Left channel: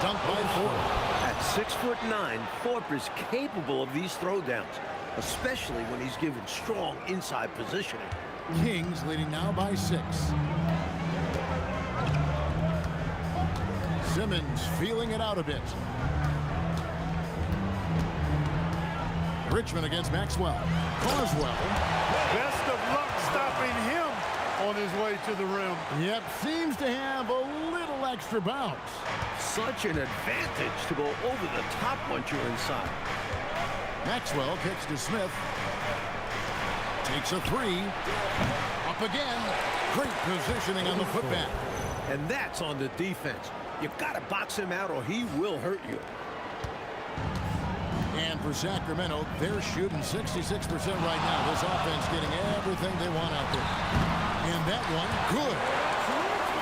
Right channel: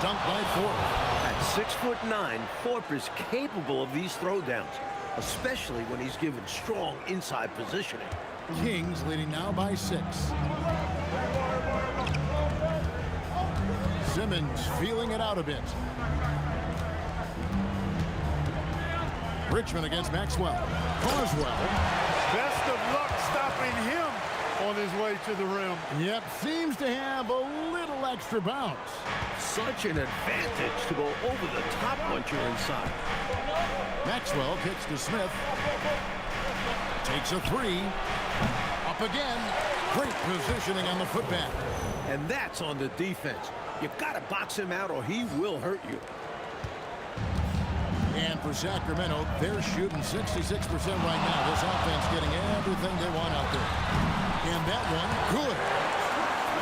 dunk by Thorpe. At 6'9", Thorpe is capable of these throwdowns, especially when he's given strong inside positioning. Kings leading now by 6. Simmons feeling it out a bit. Richmond against Maxwell. Carswell. Best of luck stopping him on his way to the rim. Yep, seems to have a little extra bounce. Such an advantage to go over the top once you're inside. Maxwell kicks to Smith. Takes a 3. Up again. Great positioning on the putback. And that's on the defense. You've got to box him out or he will hurt you. And for Sacramento, they're shooting 66% right now. This offense getting everything they want out there. And that one, good.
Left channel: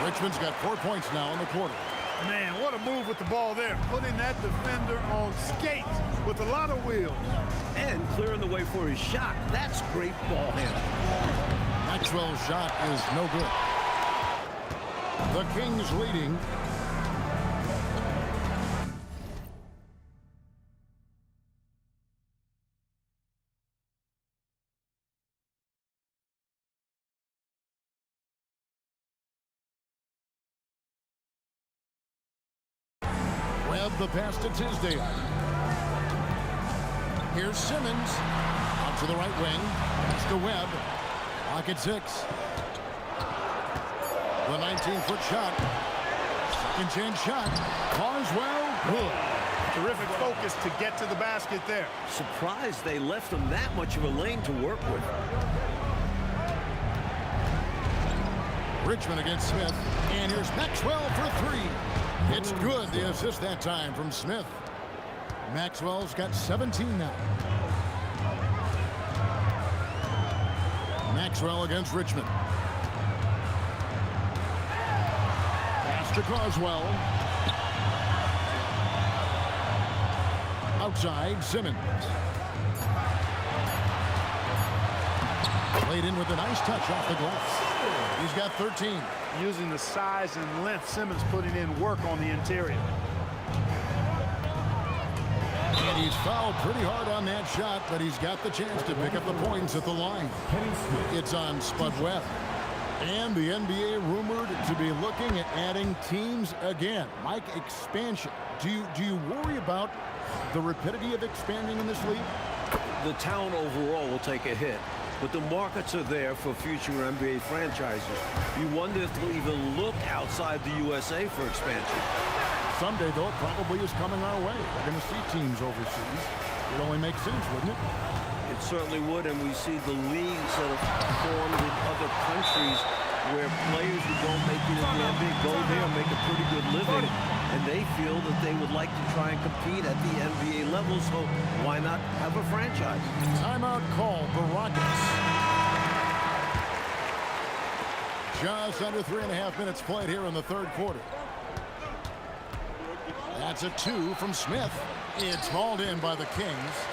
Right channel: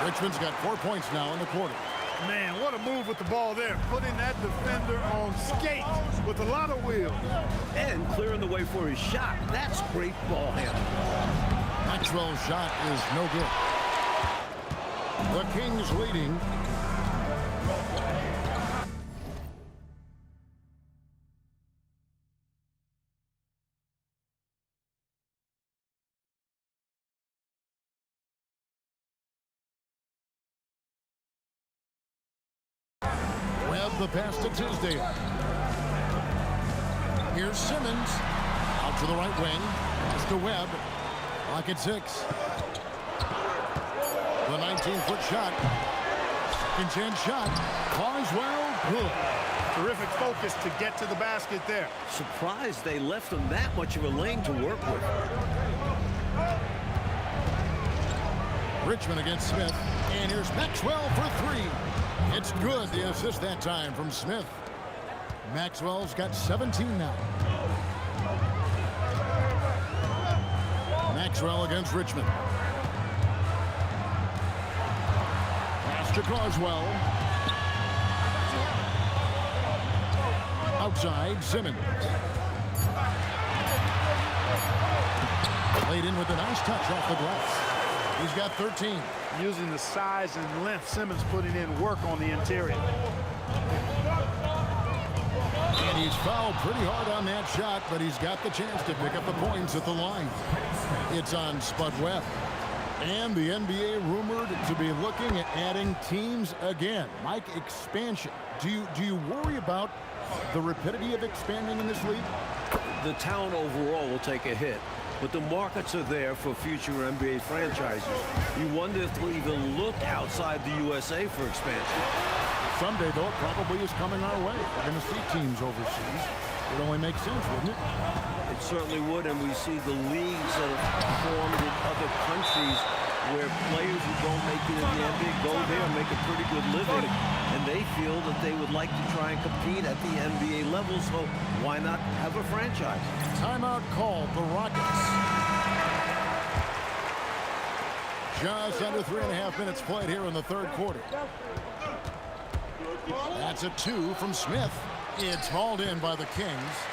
Richmond's got 4 points now in the quarter. Man, what a move with the ball there. Putting that defender on skates with a lot of wheels. And clearing the way for his shot. That's great ball handling. Maxwell's shot is no good. The Kings leading. Webb the pass to Tisdale. Here's Simmons. Out to the right wing. Pass to Webb. Lock at 6. The 19-foot shot. Second chance shot. Carswell, good. Terrific focus to get to the basket there. Surprised they left him that much of a lane to work with. Richmond against Smith. And here's Maxwell for 3. It's good. The assist that time from Smith. Maxwell's got 17 now. Maxwell against Richmond. Pass to Carswell. Outside, Simmons. Played in with a nice touch off the glass. He's got 13. Using the size and length, Simmons putting in work on the interior. And he's fouled pretty hard on that shot, but he's got the chance to pick up the points at the line. It's on Spud Webb. And the NBA rumored to be looking at adding teams again. Mike, expansion. Do you worry about the rapidity of expanding in this league? The town overall will take a hit, but the markets are there for future NBA franchises. You wonder if they'll even look outside the USA for expansion. Someday, though, it probably is coming our way. We're going to see teams overseas. It only makes sense, wouldn't it? It certainly would, and we see the leagues that have formed in other countries where players who don't make it in the NBA go there and make a pretty good living, and they feel that they would like to try and compete at the NBA level, so why not have a franchise? Timeout called the Rockets. Just under 3.5 minutes played here in the third quarter. That's a 2 from Smith. It's hauled in by the Kings.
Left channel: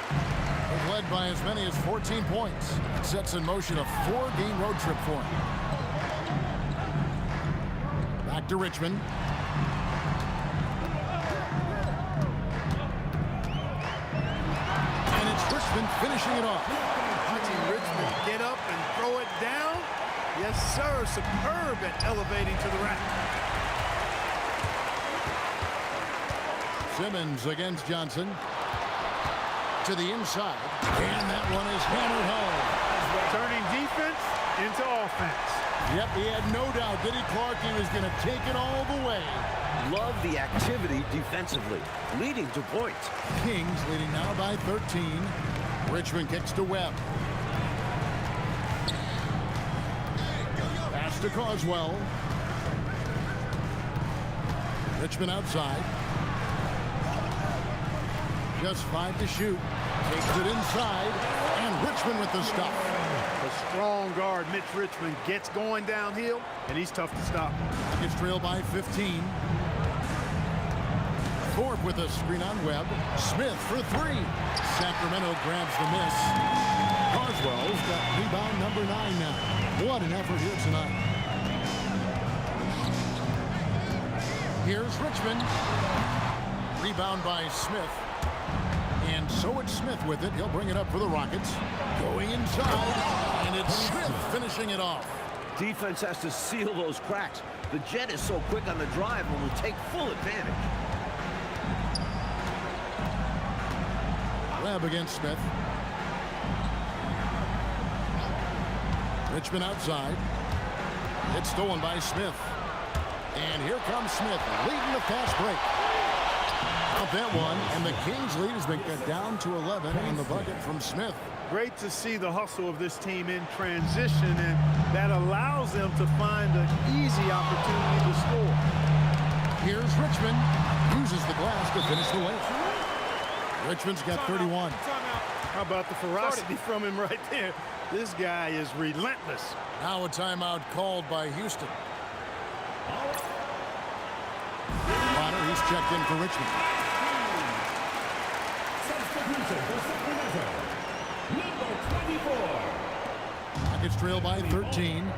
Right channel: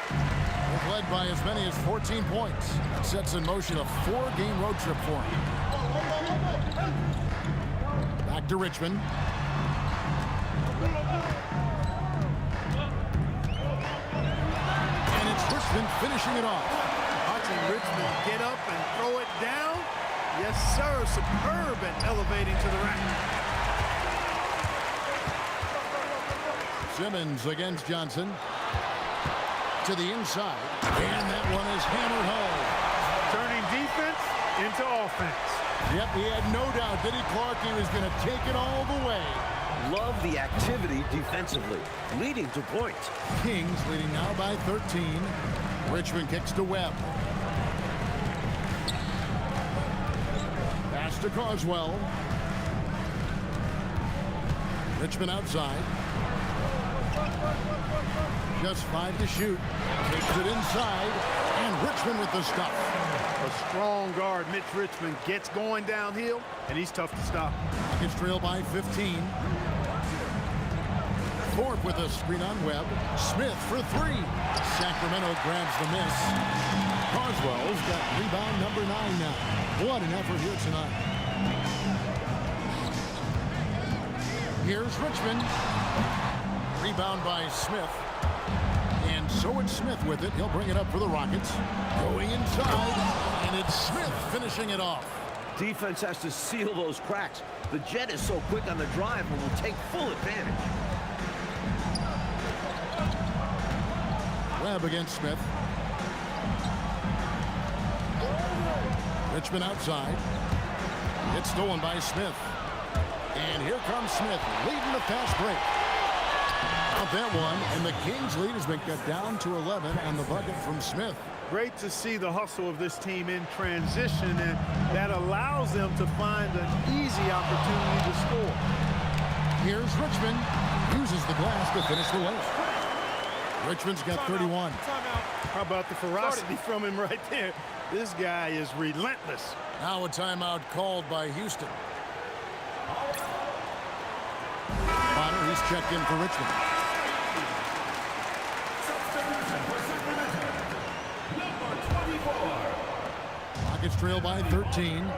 They've led by as many as 14 points. It sets in motion a 4-game road trip for him. Back to Richmond. And it's Richmond finishing it off. Watching Richmond get up and throw it down. Yes, sir. Superb at elevating to the rack. Simmons against Johnson. To the inside. And that one is hammered home. Turning defense into offense. Yep, he had no doubt, did he, Clark? He was going to take it all the way. Love the activity defensively, leading to points. Kings leading now by 13. Richmond kicks to Webb. Pass to Carswell. Richmond outside. Just 5 to shoot. Takes it inside. And Richmond with the stuff. A strong guard, Mitch Richmond, gets going downhill, and he's tough to stop. Rockets trail by 15. Thorpe with a screen on Webb. Smith for 3. Sacramento grabs the miss. Carswell's got rebound number 9 now. What an effort here tonight. Here's Richmond. Rebound by Smith. And so it's Smith with it. He'll bring it up for the Rockets. Going inside, and it's Smith finishing it off. Defense has to seal those cracks. The Jet is so quick on the drive and will take full advantage. Webb against Smith. Richmond outside. It's stolen by Smith. And here comes Smith leading the fast break. Out that one, and the Kings' lead has been cut down to 11 on the bucket from Smith. Great to see the hustle of this team in transition, and that allows them to find an easy opportunity to score. Here's Richmond. Uses the glass to finish the layup. Richmond's got 31. How about the ferocity from him right there? This guy is relentless. Now a timeout called by Houston. Bonner, he's checked in for Richmond. Substitution for Sacramento, number 24. Rockets trail by 13.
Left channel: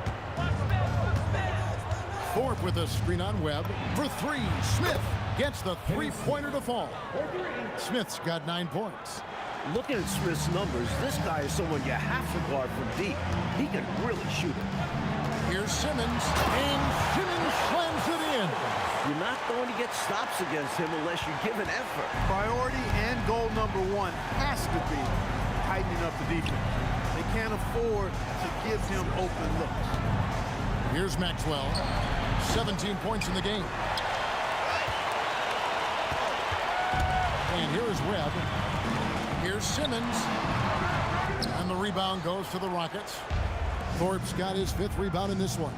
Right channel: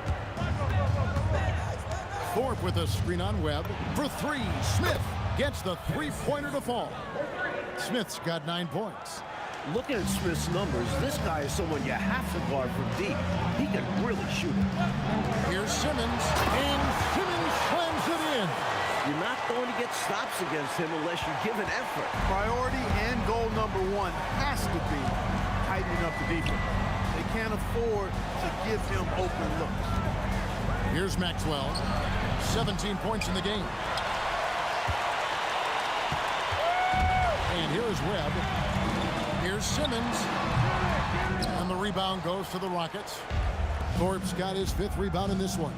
Thorpe with a screen on Webb. For three, Smith gets the three-pointer to fall. Smith's got 9 points. Looking at Smith's numbers, this guy is someone you have to guard from deep. He can really shoot it. Here's Simmons, and Simmons slams it in. You're not going to get stops against him unless you give an effort. Priority and goal number one has to be tightening up the defense. They can't afford to give him open looks. Here's Maxwell. 17 points in the game. And here is Webb. Here's Simmons. And the rebound goes to the Rockets. Thorpe's got his 5th rebound in this one.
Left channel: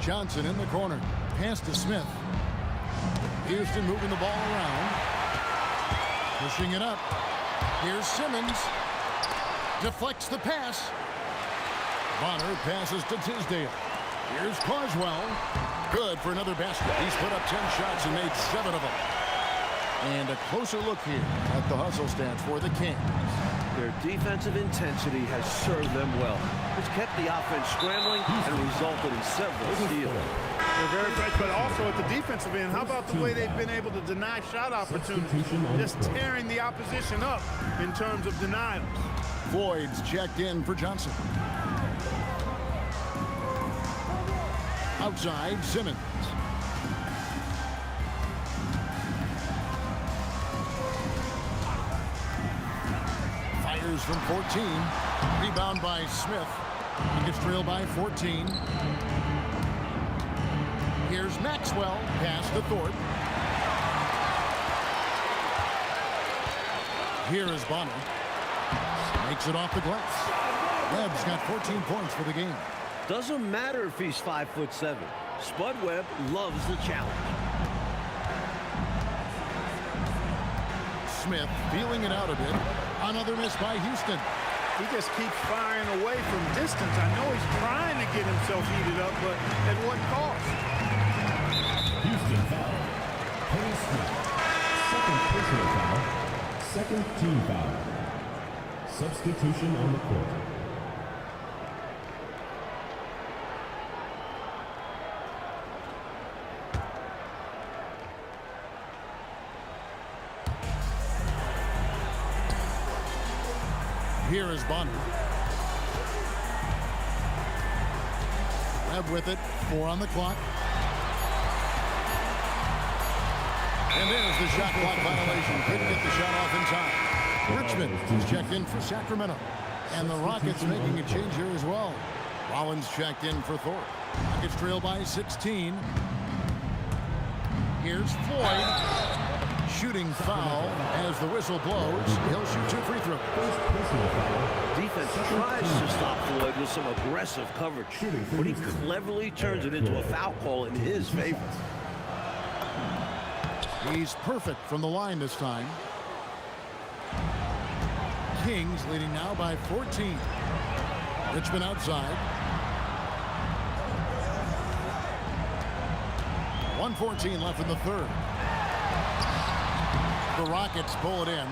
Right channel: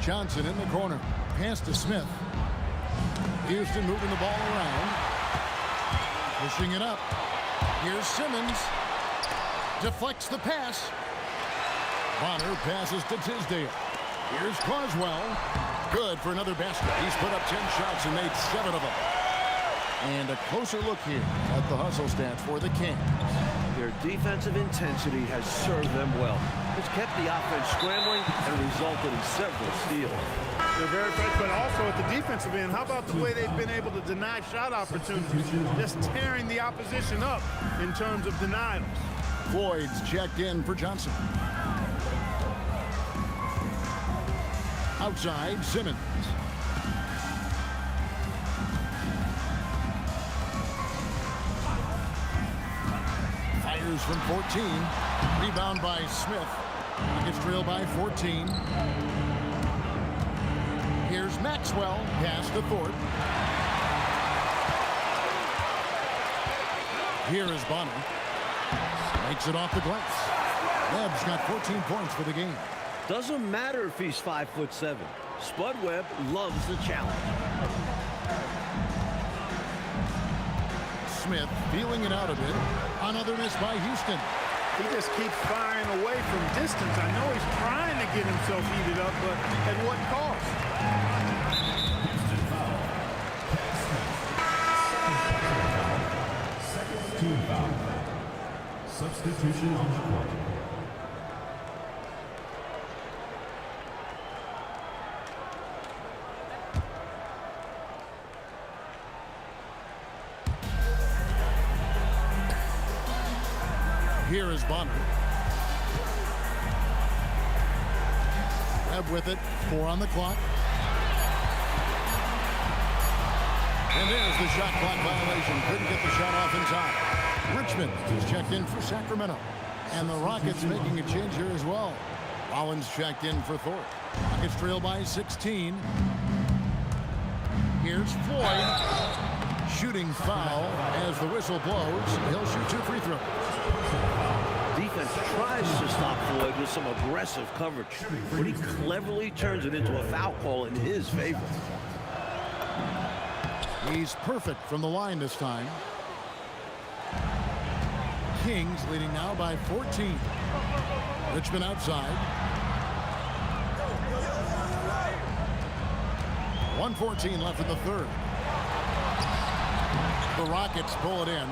Johnson in the corner. Pass to Smith. Houston moving the ball around. Pushing it up. Here's Simmons. Deflects the pass. Bonner passes to Tisdale. Here's Carswell. Good for another basket. He's put up 10 shots and made 7 of them. And a closer look here at the hustle stats for the Kings. Their defensive intensity has served them well. It's kept the offense scrambling and resulted in several steals. They're very fresh, but also at the defensive end, how about the way they've been able to deny shot opportunities? Just tearing the opposition up in terms of denials. Floyd's checked in for Johnson. Outside, Simmons. Fires from 14. Rebound by Smith. Rockets trail by 14. Here's Maxwell. Pass to Thorpe. Here is Bonner. Makes it off the glass. Webb's got 14 points for the game. Doesn't matter if he's 5'7". Spud Webb loves the challenge. Smith feeling it out a bit. Another miss by Houston. He just keeps firing away from distance. I know he's trying to get himself heated up, but at what cost? Houston foul. Kenny Smith. Second personal foul. Second team foul. Substitution on the court. Here is Bonner. Webb with it. 4 on the clock. And there's the shot clock violation. Couldn't get the shot off in time. Richmond is checked in for Sacramento. And the Rockets making a change here as well. Rollins checked in for Thorpe. Rockets trail by 16. Here's Floyd. Shooting foul as the whistle blows. He'll shoot 2 free throws. Defense tries to stop Floyd with some aggressive coverage, but he cleverly turns it into a foul call in his favor. He's perfect from the line this time. Kings leading now by 14. Richmond outside. 1:14 left in the third. The Rockets pull it in.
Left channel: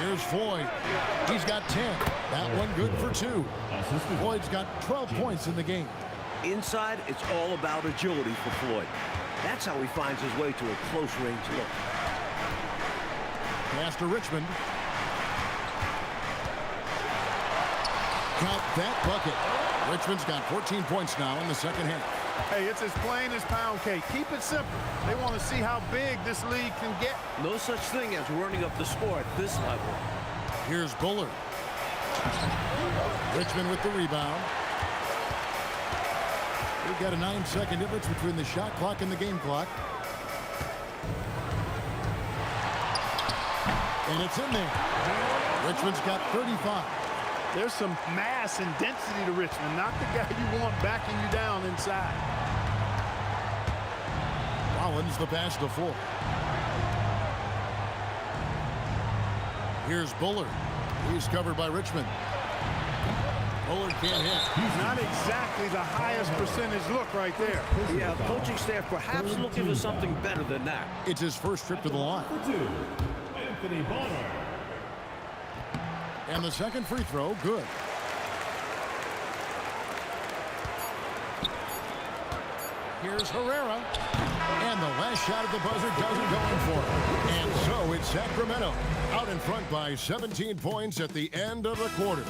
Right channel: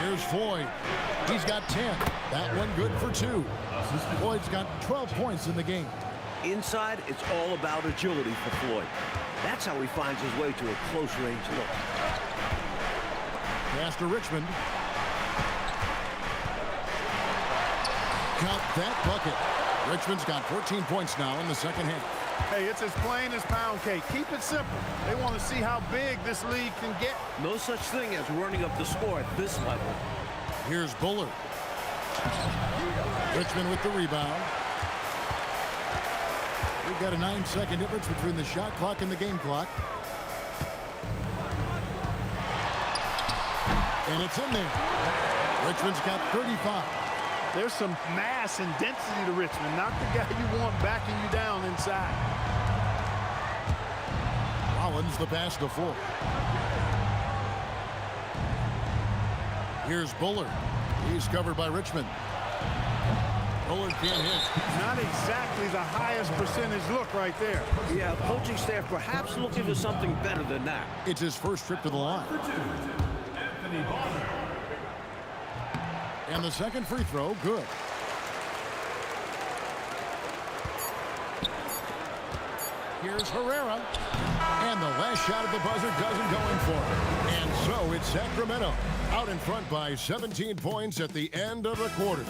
Here's Floyd. He's got 10. That one good for 2. Floyd's got 12 points in the game. Inside, it's all about agility for Floyd. That's how he finds his way to a close-range look. Pass to Richmond. Count that bucket. Richmond's got 14 points now in the second half. Hey, it's as plain as pound cake. Keep it simple. They want to see how big this league can get. No such thing as running up the score at this level. Here's Bullard. Richmond with the rebound. We've got a 9-second difference between the shot clock and the game clock. And it's in there. Richmond's got 35. There's some mass and density to Richmond, not the guy you want backing you down inside. Rollins the pass to Ford. Here's Bullard. He's covered by Richmond. Bullard can't hit. Not exactly the highest percentage look right there. Yeah, coaching staff perhaps looking for something better than that. It's his first trip to the line. For two, Anthony Bonner. And the second free throw, good. Here's Herrera. And the last shot at the buzzer doesn't go in for him. And so it's Sacramento out in front by 17 points at the end of the quarter.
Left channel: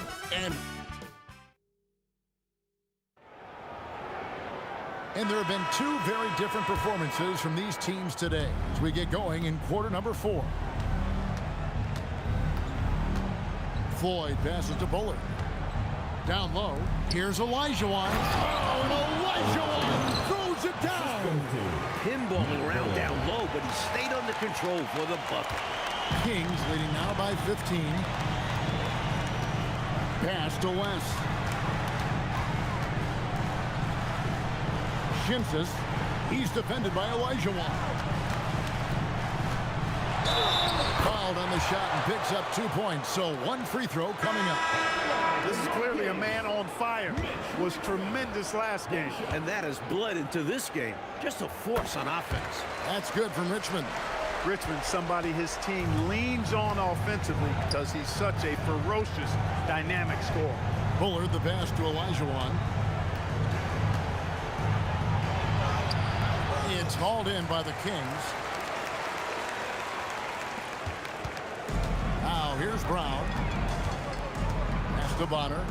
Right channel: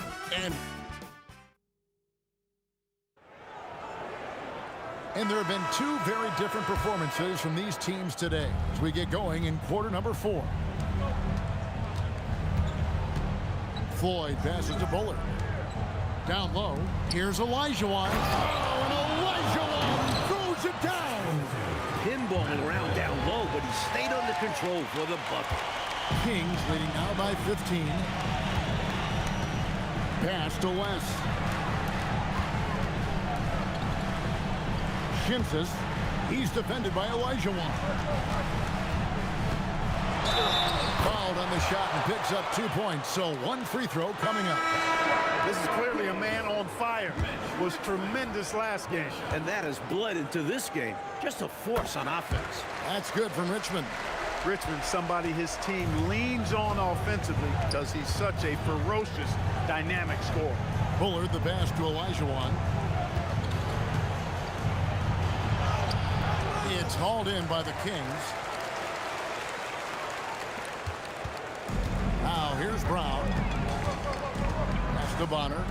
And there have been two very different performances from these teams today as we get going in quarter number 4. Floyd passes to Bullard. Down low. Here's Olajuwon. Oh, and Olajuwon throws it down. Pinballing around down low, but he stayed under control for the bucket. Kings leading now by 15. Pass to West. Shimsis. He's defended by Olajuwon. Fouled on the shot and picks up 2 points, so one free throw coming up. This is clearly a man on fire. Was tremendous last game. And that has bled into this game. Just a force on offense. That's good from Richmond. Richmond, somebody his team leans on offensively because he's such a ferocious, dynamic scorer. Bullard the pass to Olajuwon. It's hauled in by the Kings. Now here's Brown. Pass to Bonner.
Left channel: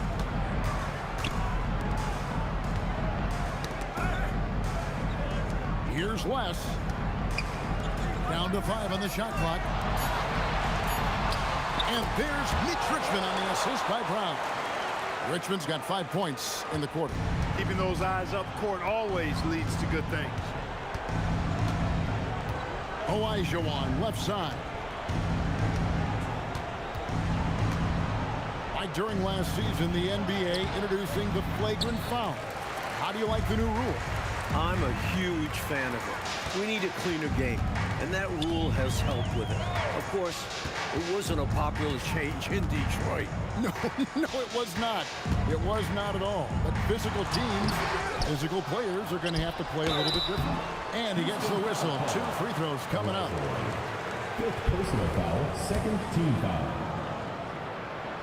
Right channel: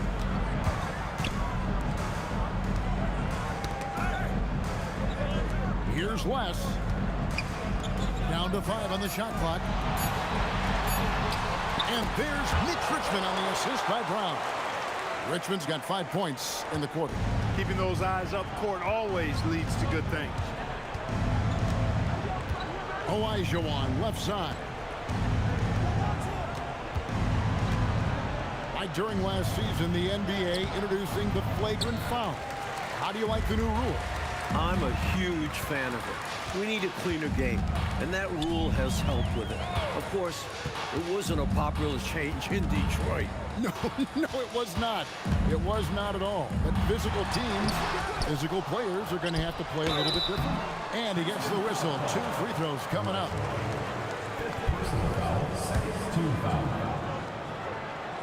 Here's West. Down to 5 on the shot clock. And there's Mitch Richmond on the assist by Brown. Richmond's got 5 points in the quarter. Keeping those eyes up court always leads to good things. Olajuwon left side. Like during last season, the NBA introducing the flagrant foul. How do you like the new rule? I'm a huge fan of it. We need a cleaner game, and that rule has helped with it. Of course, it wasn't a popular change in Detroit. No, it was not. It was not at all. But physical teams, physical players are going to have to play a little bit differently. And he gets the whistle. 2 free throws coming up. 5th personal foul, 2nd team foul.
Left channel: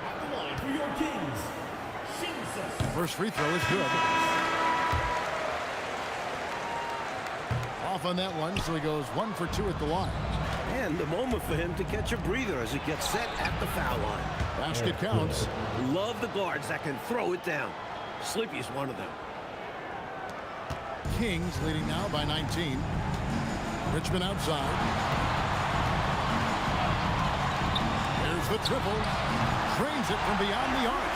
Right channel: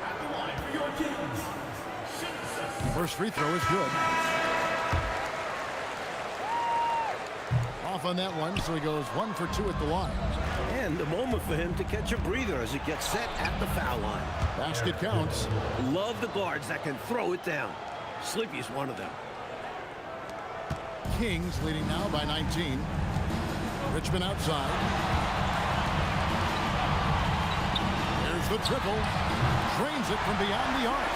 At the line for your Kings, Shimsis. First free throw is good. Off on that one, so he goes 1 for 2 at the line. And a moment for him to catch a breather as it gets set at the foul line. Basket counts. Love the guards that can throw it down. Sleepy's one of them. Kings leading now by 19. Richmond outside. There's the triple. Drains it from beyond the arc.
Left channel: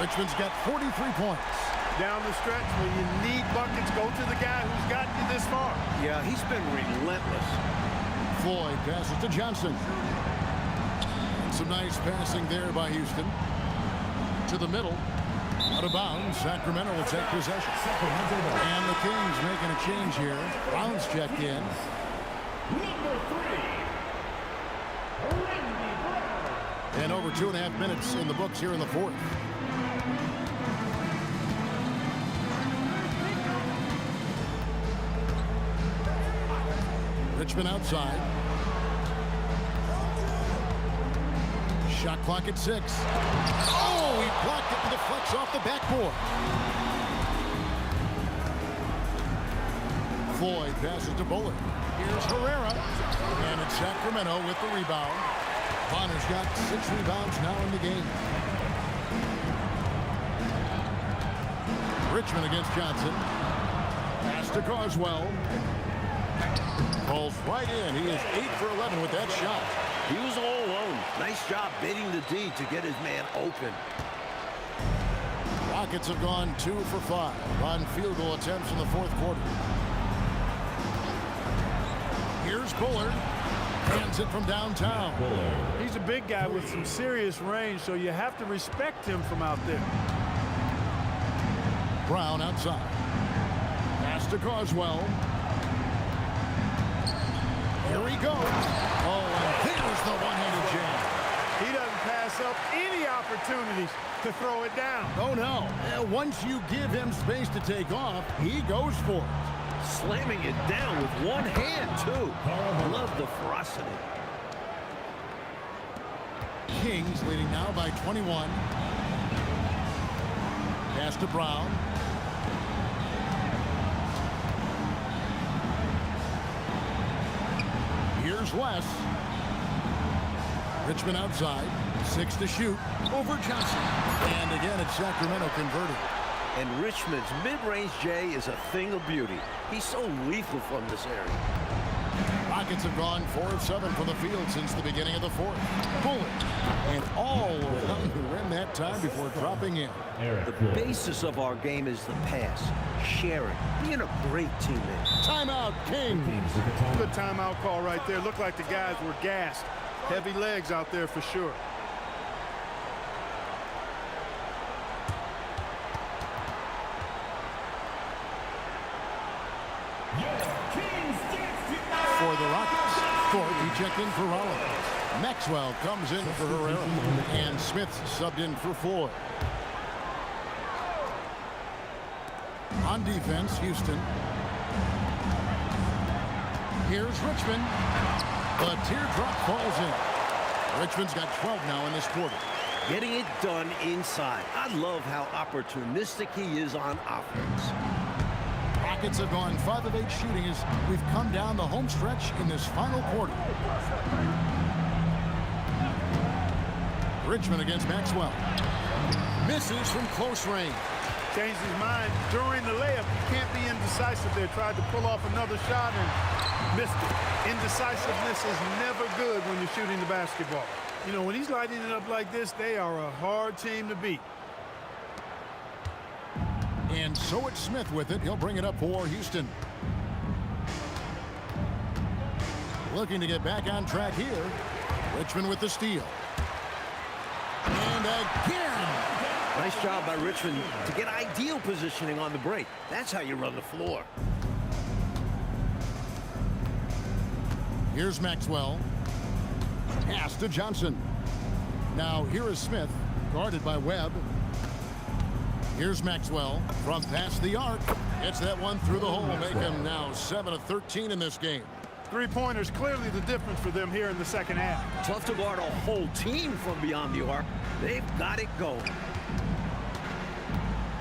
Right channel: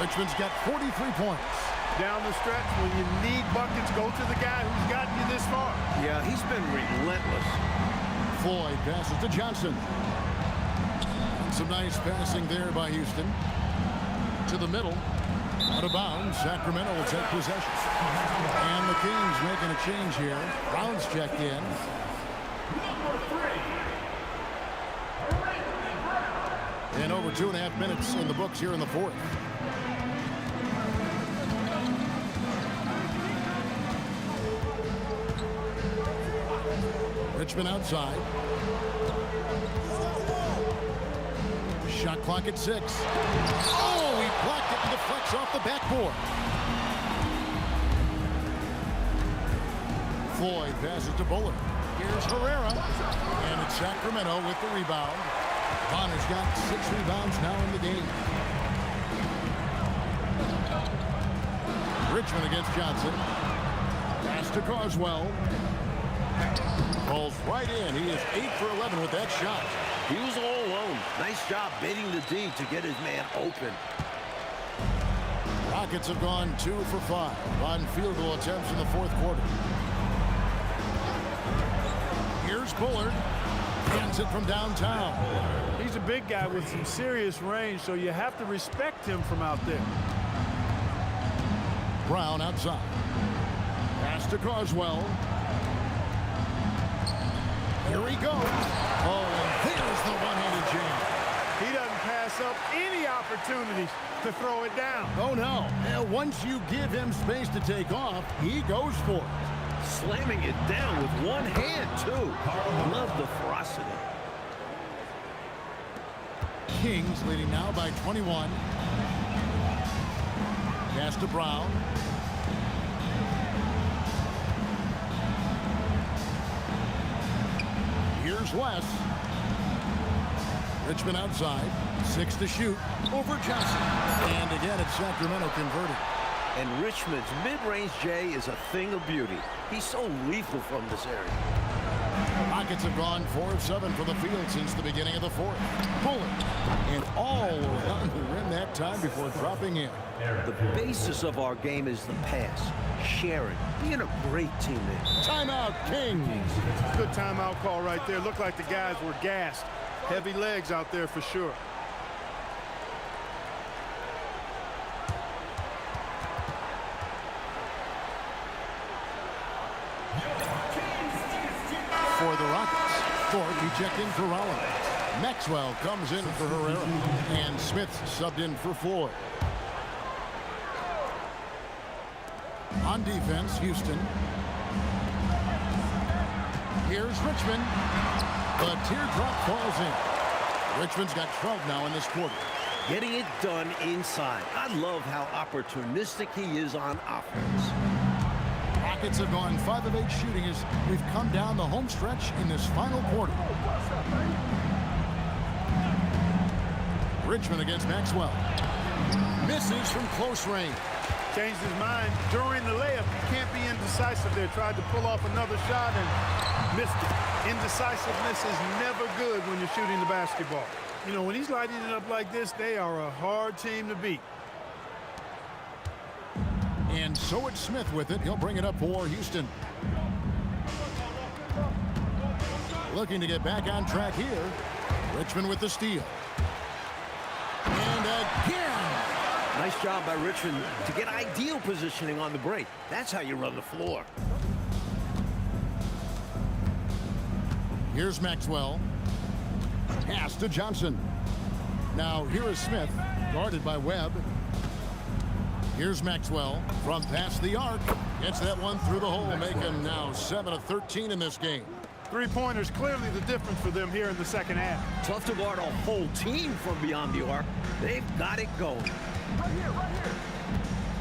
Richmond's got 43 points. Down the stretch, when you need buckets, go to the guy who's gotten you this far. Yeah, he's been relentless. Floyd passes to Johnson. And some nice passing there by Houston. To the middle. Out of bounds. Sacramento will take possession. And the Kings making a change here. Brown's checked in. Number 3. And over 2.5 minutes in the books here in the fourth. Richmond outside. Shot clock at 6. Oh, he blocked it and deflects off the backboard. Floyd passes to Bullard. Here's Herrera. And it's Sacramento with the rebound. Bonner's got 6 rebounds now in the game. Richmond against Johnson. Pass to Carswell. Falls right in. He is 8 for 11 with that shot. He was all alone. Nice job baiting the D to get his man open. Rockets have gone 2 for 5 on field goal attempts in the fourth quarter. Here's Bullard. Hands it from downtown. He's a big guy with some serious range, so you have to respect him from out there. Brown outside. Pass to Carswell. Here he goes. Oh, and there's the one-handed jam. He doesn't pass up any opportunities to throw it down. Oh, no. Once you give him space to take off, he goes for it. Slamming it down with one hand, too. Love the ferocity. Kings leading now by 21. Pass to Brown. Here's West. Richmond outside. 6 to shoot. Over Johnson. And again, it's Sacramento converting. And Richmond's mid-range J is a thing of beauty. He's so lethal from this area. Rockets have gone 4 of 7 from the field since the beginning of the fourth. Bullard. And all around the rim that time before dropping in. The basis of our game is the pass, sharing, being a great teammate. Timeout, Kings. Good timeout call right there. Looked like the guys were gassed. Heavy legs out there for sure. For the Rockets, Thorpe, he checked in for Rollins. Maxwell comes in for Herrera. And Smith subbed in for Floyd. On defense, Houston. Here's Richmond. The teardrop falls in. Richmond's got 12 now in this quarter. Getting it done inside. I love how opportunistic he is on offense. Rockets have gone 5 of 8 shooting as we've come down the home stretch in this final quarter. Richmond against Maxwell. Misses from close range. Changed his mind during the layup. He can't be indecisive there. Tried to pull off another shot and missed it. Indecisiveness is never good when you're shooting the basketball. You know, when he's lighting it up like this, they are a hard team to beat. And so it's Smith with it. He'll bring it up for Houston. Looking to get back on track here. Richmond with the steal. And again. Nice job by Richmond to get ideal positioning on the break. That's how you run the floor. Here's Maxwell. Pass to Johnson. Now here is Smith, guarded by Webb. Here's Maxwell from past the arc. Gets that one through the hole, make him now 7 of 13 in this game. Three-pointers clearly the difference for them here in the second half. Tough to guard a whole team from beyond the arc. They've got it going.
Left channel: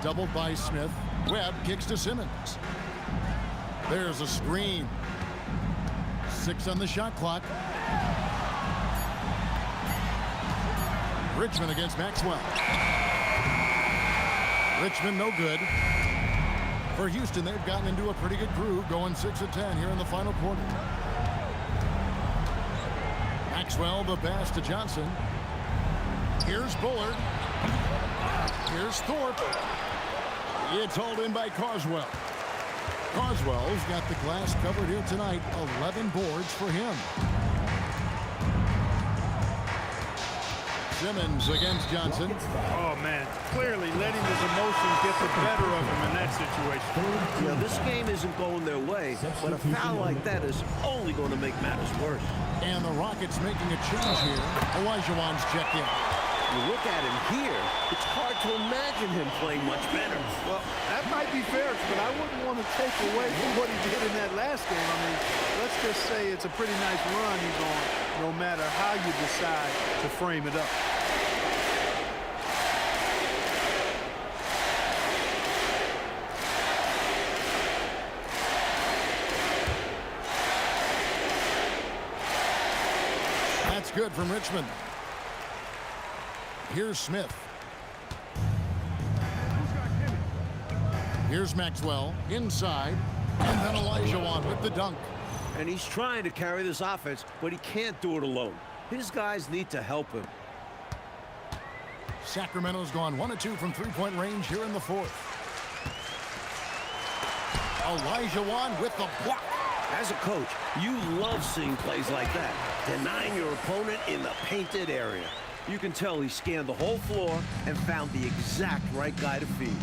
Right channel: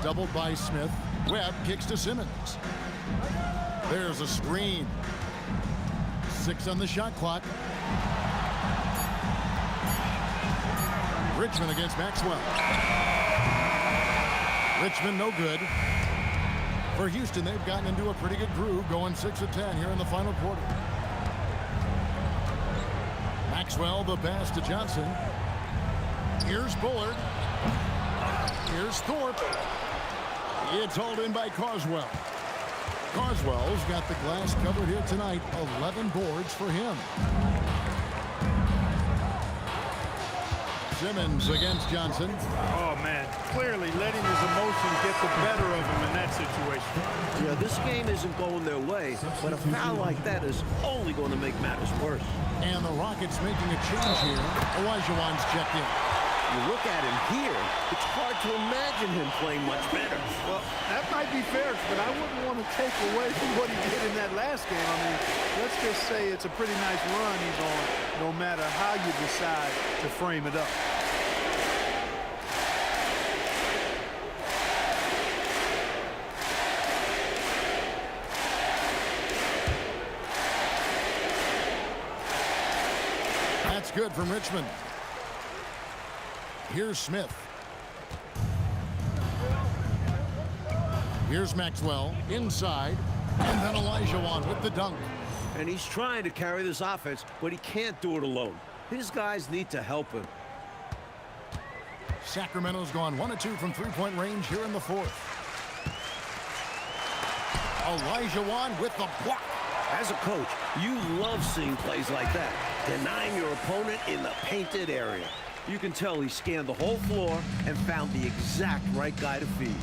Doubled by Smith. Webb kicks to Simmons. There's a screen. 6 on the shot clock. Richmond against Maxwell. Richmond no good. For Houston, they've gotten into a pretty good groove, going 6 of 10 here in the final quarter. Maxwell, the pass to Johnson. Here's Bullard. Here's Thorpe. It's hauled in by Carswell. Carswell's got the glass covered here tonight. 11 boards for him. Simmons against Johnson. Oh, man. Clearly letting his emotions get the better of him in that situation. Yeah, this game isn't going their way, but a foul like that is only going to make matters worse. And the Rockets making a change here. Olajuwon's checked in. You look at him here, it's hard to imagine him playing much better. Well, that might be fair, but I wouldn't want to take away from what he did in that last game. I mean, let's just say it's a pretty nice run he's on, no matter how you decide to frame it up. That's good from Richmond. Here's Smith. Here's Maxwell inside, and then Elijah with the dunk. And he's trying to carry this offense, but he can't do it alone. His guys need to help him. Sacramento's gone 1 of 2 from three-point range here in the fourth. Elijah with the block. As a coach, you love seeing plays like that, denying your opponent in the painted area. You can tell he scanned the whole floor and found the exact right guy to feed.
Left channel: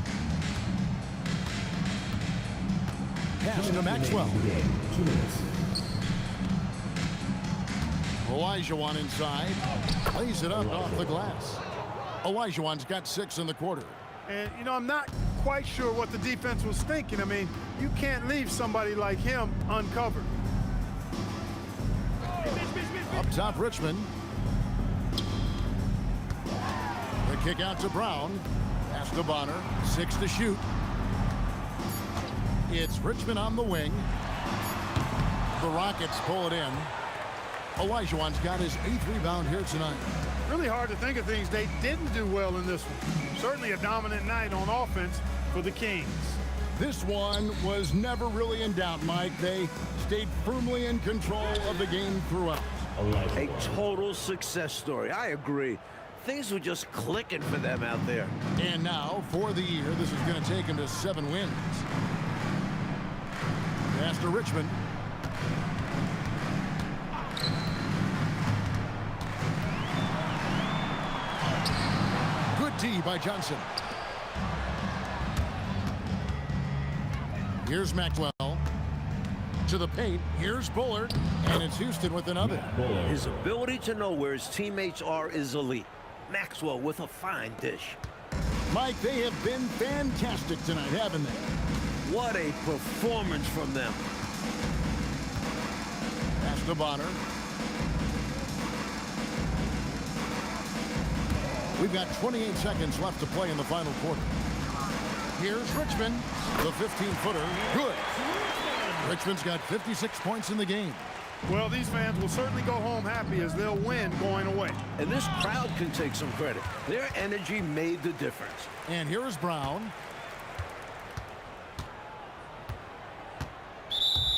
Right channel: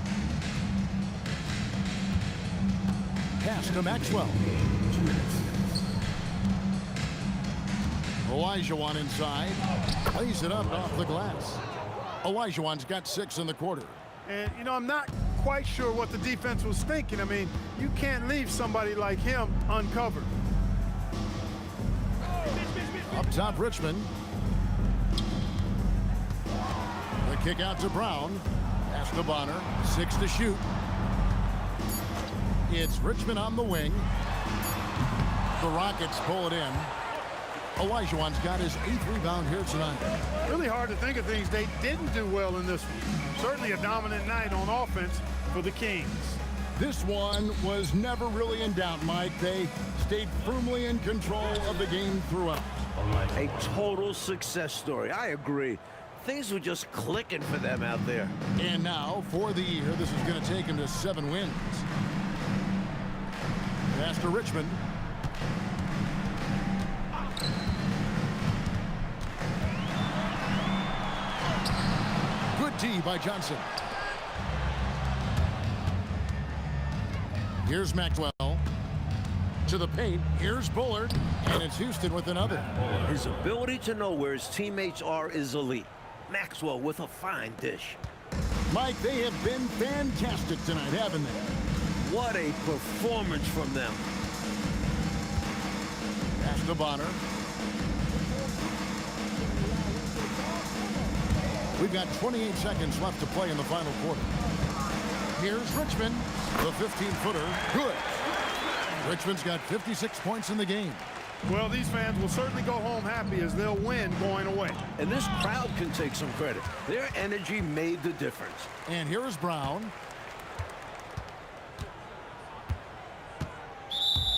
Pass to Maxwell. 2 minutes. Elijah inside. Lays it up off the glass. Elijah's got 6 in the quarter. And, you know, I'm not quite sure what the defense was thinking. I mean, you can't leave somebody like him uncovered. Up top, Richmond. The kick out to Brown. Pass to Bonner. 6 to shoot. It's Richmond on the wing. The Rockets pull it in. Elijah's got his 8th rebound here tonight. Really hard to think of things they didn't do well in this one. Certainly a dominant night on offense for the Kings. This one was never really in doubt, Mike. They stayed firmly in control of the game throughout. A total success story. I agree. Things were just clicking for them out there. And now, for the year, this is going to take him to 7 wins. Pass to Richmond. Good D by Johnson. Here's Maxwell. To the paint. Here's Bullard. And it's Houston with another. His ability to know where his teammates are is elite. Maxwell with a fine dish. Mike, they have been fantastic tonight, haven't they? What a performance from them. Pass to Bonner. We've got 28 seconds left to play in the final quarter. Here's Richmond. The 15-footer. Good. Richmond's got 56 points in the game. Well, these fans will certainly go home happy as they'll win going away. And this crowd can take some credit. Their energy made the difference. And here is Brown.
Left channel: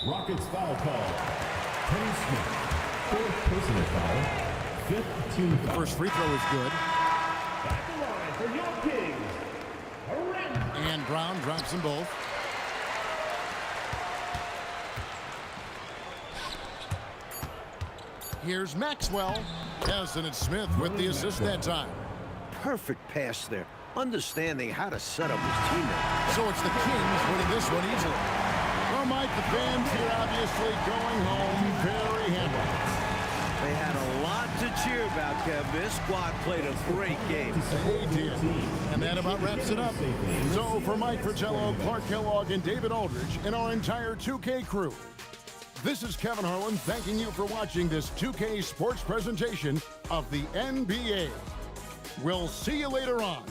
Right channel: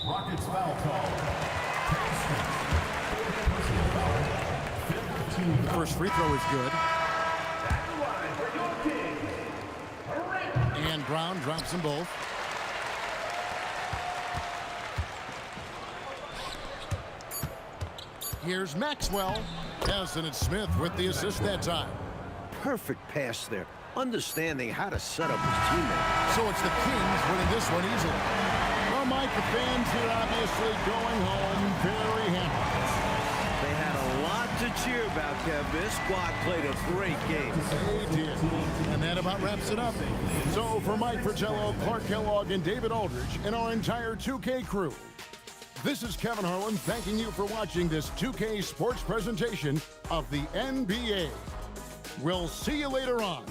Rockets foul call. Kenny Smith. 4th personal foul. 5th team The foul. first free throw is good. At the line for your Kings. And Brown drops them both. Here's Maxwell. Yes, and it's Smith with the assist that time. Perfect pass there. Understanding how to set up his teammate. So it's the Kings winning this one easily. Well, Mike, the fans here obviously going home very happy. They had a lot to cheer about, Kev. This squad played a great game. They did. And that about wraps it up. So for Mike Fratello, Clark Kellogg, and David Aldridge, and our entire 2K crew, this is Kevin Harlan thanking you for watching this 2K sports presentation of the NBA. We'll see you later on.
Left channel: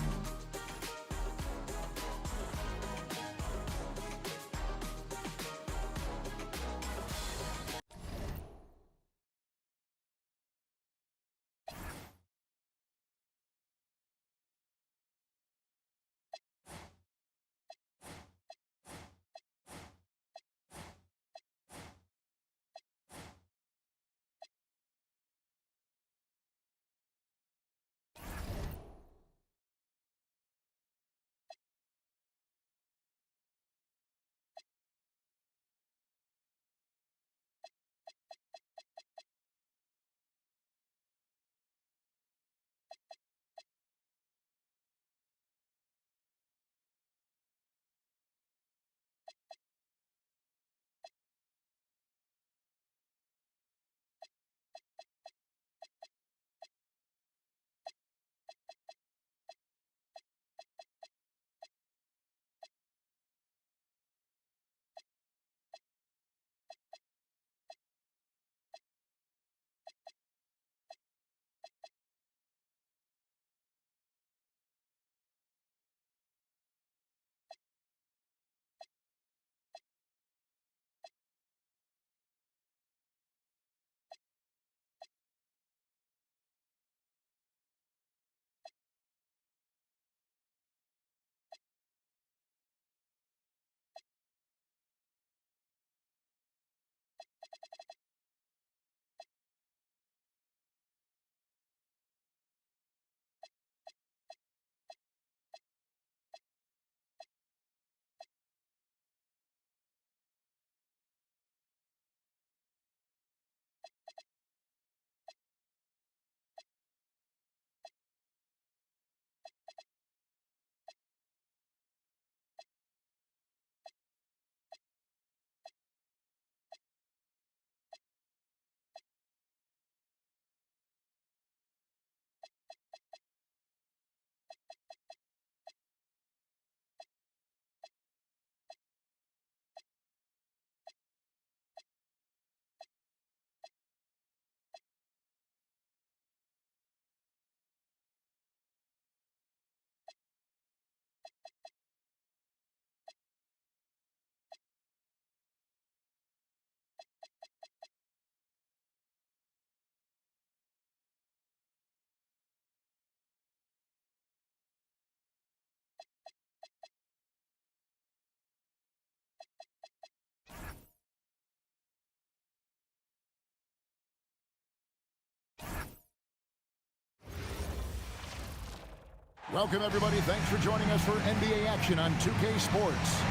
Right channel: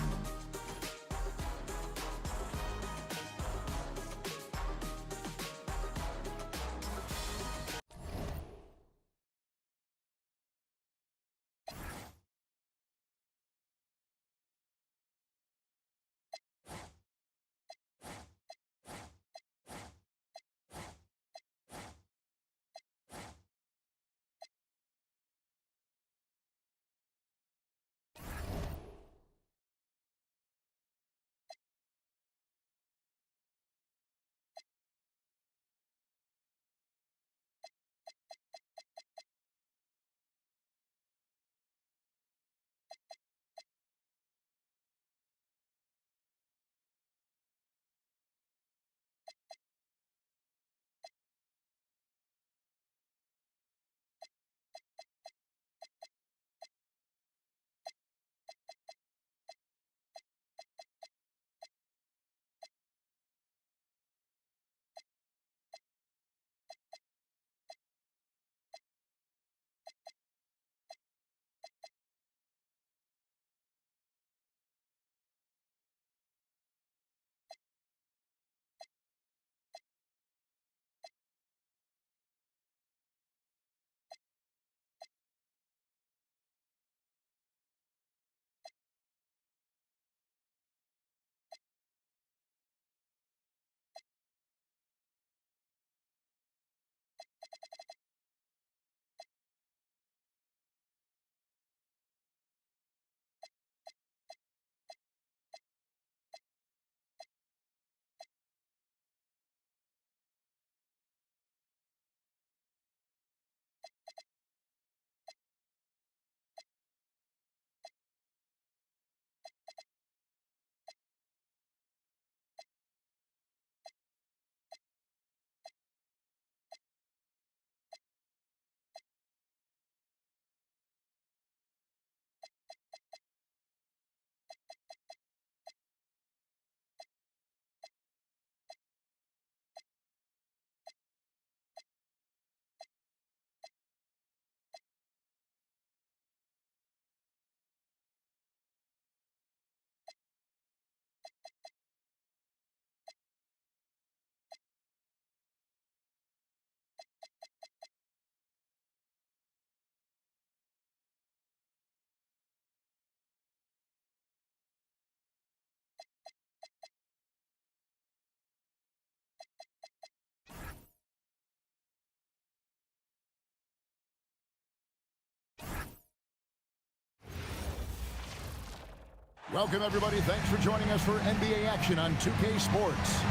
Welcome, everybody. Thanks for joining us for NBA action on 2K Sports.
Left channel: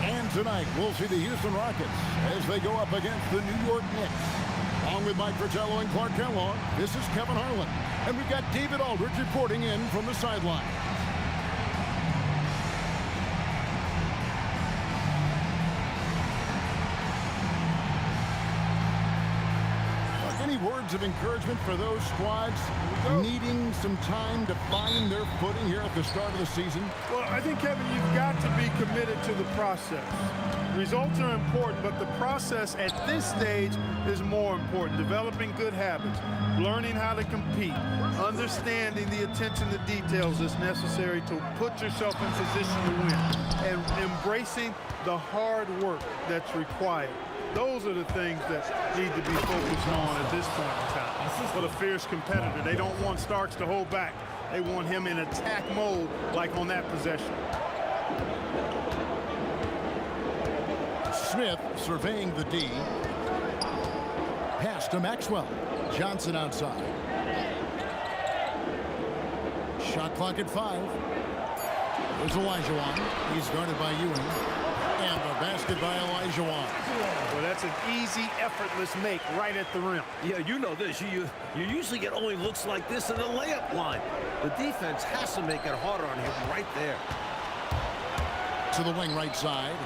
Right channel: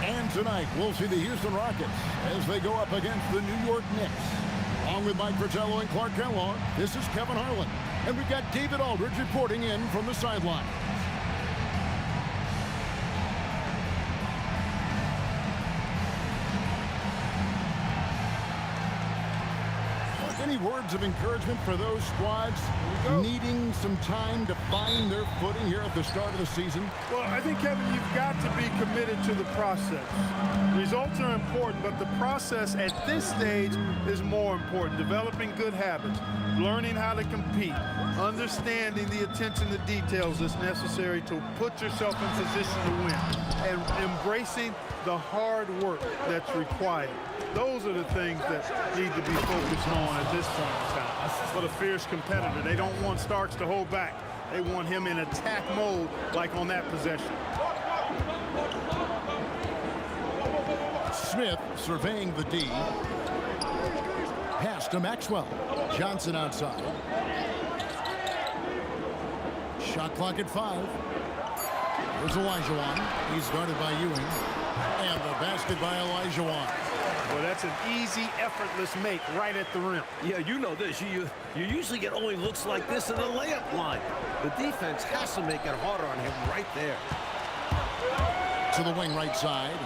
And tonight, we'll see the Houston Rockets as they go up against the New York Knicks. Along with Mike Fratello and Clark Kellogg, this is Kevin Harlan. And we've got David Aldridge reporting in from the sideline. Any words of encouragement for those squads needing some time to find their footing here at the start of the season? Well, I think, Kevin, you've got to be committed to the process. Results are important, but the process at this stage is more important. Developing good habits, learning how to compete, understanding the attention to details that's necessary to put yourself in position to win, and embracing the hard work that's required. Those are the things that need to be focused on at this point in time. But a fierce competitor, they don't want Starks to hold back. They want him in attack mode like on that possession. Smith surveying the D. Pass to Maxwell. Johnson outside. Shot clock at 5. There's Olajuwon. He's guarded by Ewing. And the basket by Olajuwon. Well, that's an easy, effortless make right at the rim. Yeah, you know this. You usually get only looks like this in the layup line. The defense has to make it harder on him right there. To the wing right side.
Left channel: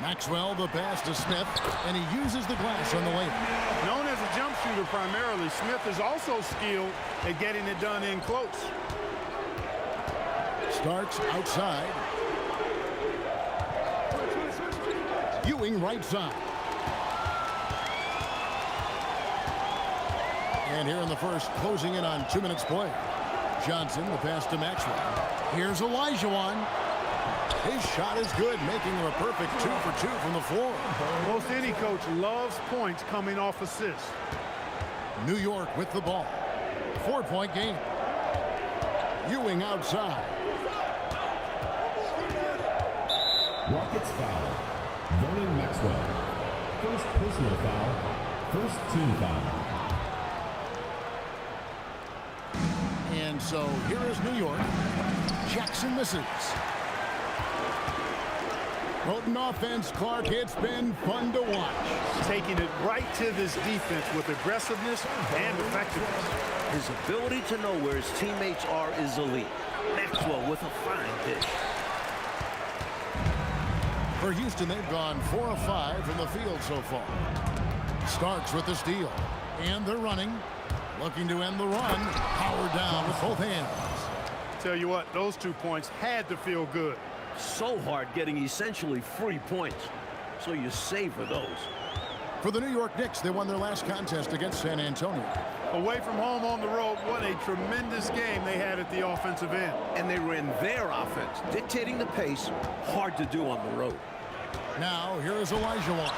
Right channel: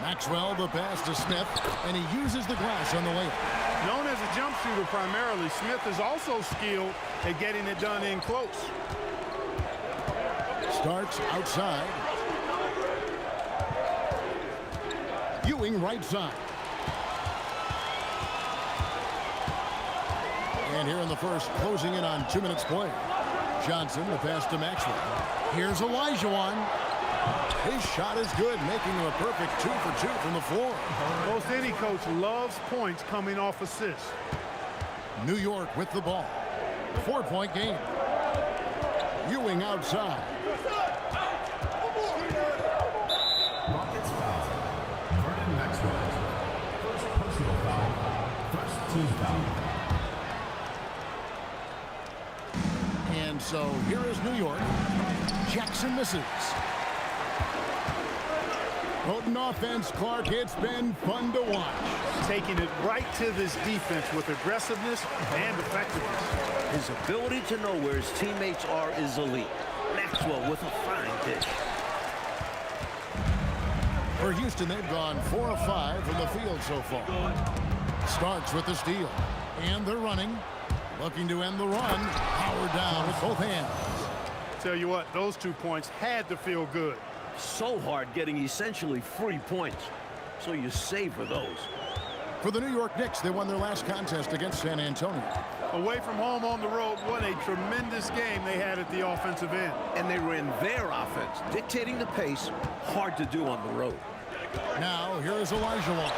Maxwell, the pass to Smith, and he uses the glass on the layup. Known as a jump shooter primarily, Smith is also skilled at getting it done in close. Starks outside. Ewing right side. And here in the first, closing in on 2 minutes play. Johnson, the pass to Maxwell. Here's Olajuwon. His shot is good, making him a perfect 2 for 2 from the floor. Most any coach loves points coming off assists. New York with the ball. 4-point game. Ewing outside. Rockets foul. Vernon Maxwell. First personal foul. First team foul. And so here is New York. Jackson misses. Potent offense, Clark. It's been fun to watch. Taking it right to this defense with aggressiveness and effectiveness. His ability to know where his teammates are is elite. Maxwell with a fine dish. For Houston, they've gone 4 of 5 from the field so far. Starks with the steal. And they're running. Looking to end the run. Howard down with both hands. Tell you what, those 2 points had to feel good. So hard getting essentially free points. So you savor those. For the New York Knicks, they won their last contest against San Antonio. Away from home on the road, what a tremendous game they had at the offensive end. And they ran their offense, dictating the pace. Hard to do on the road. Now, here is Olajuwon.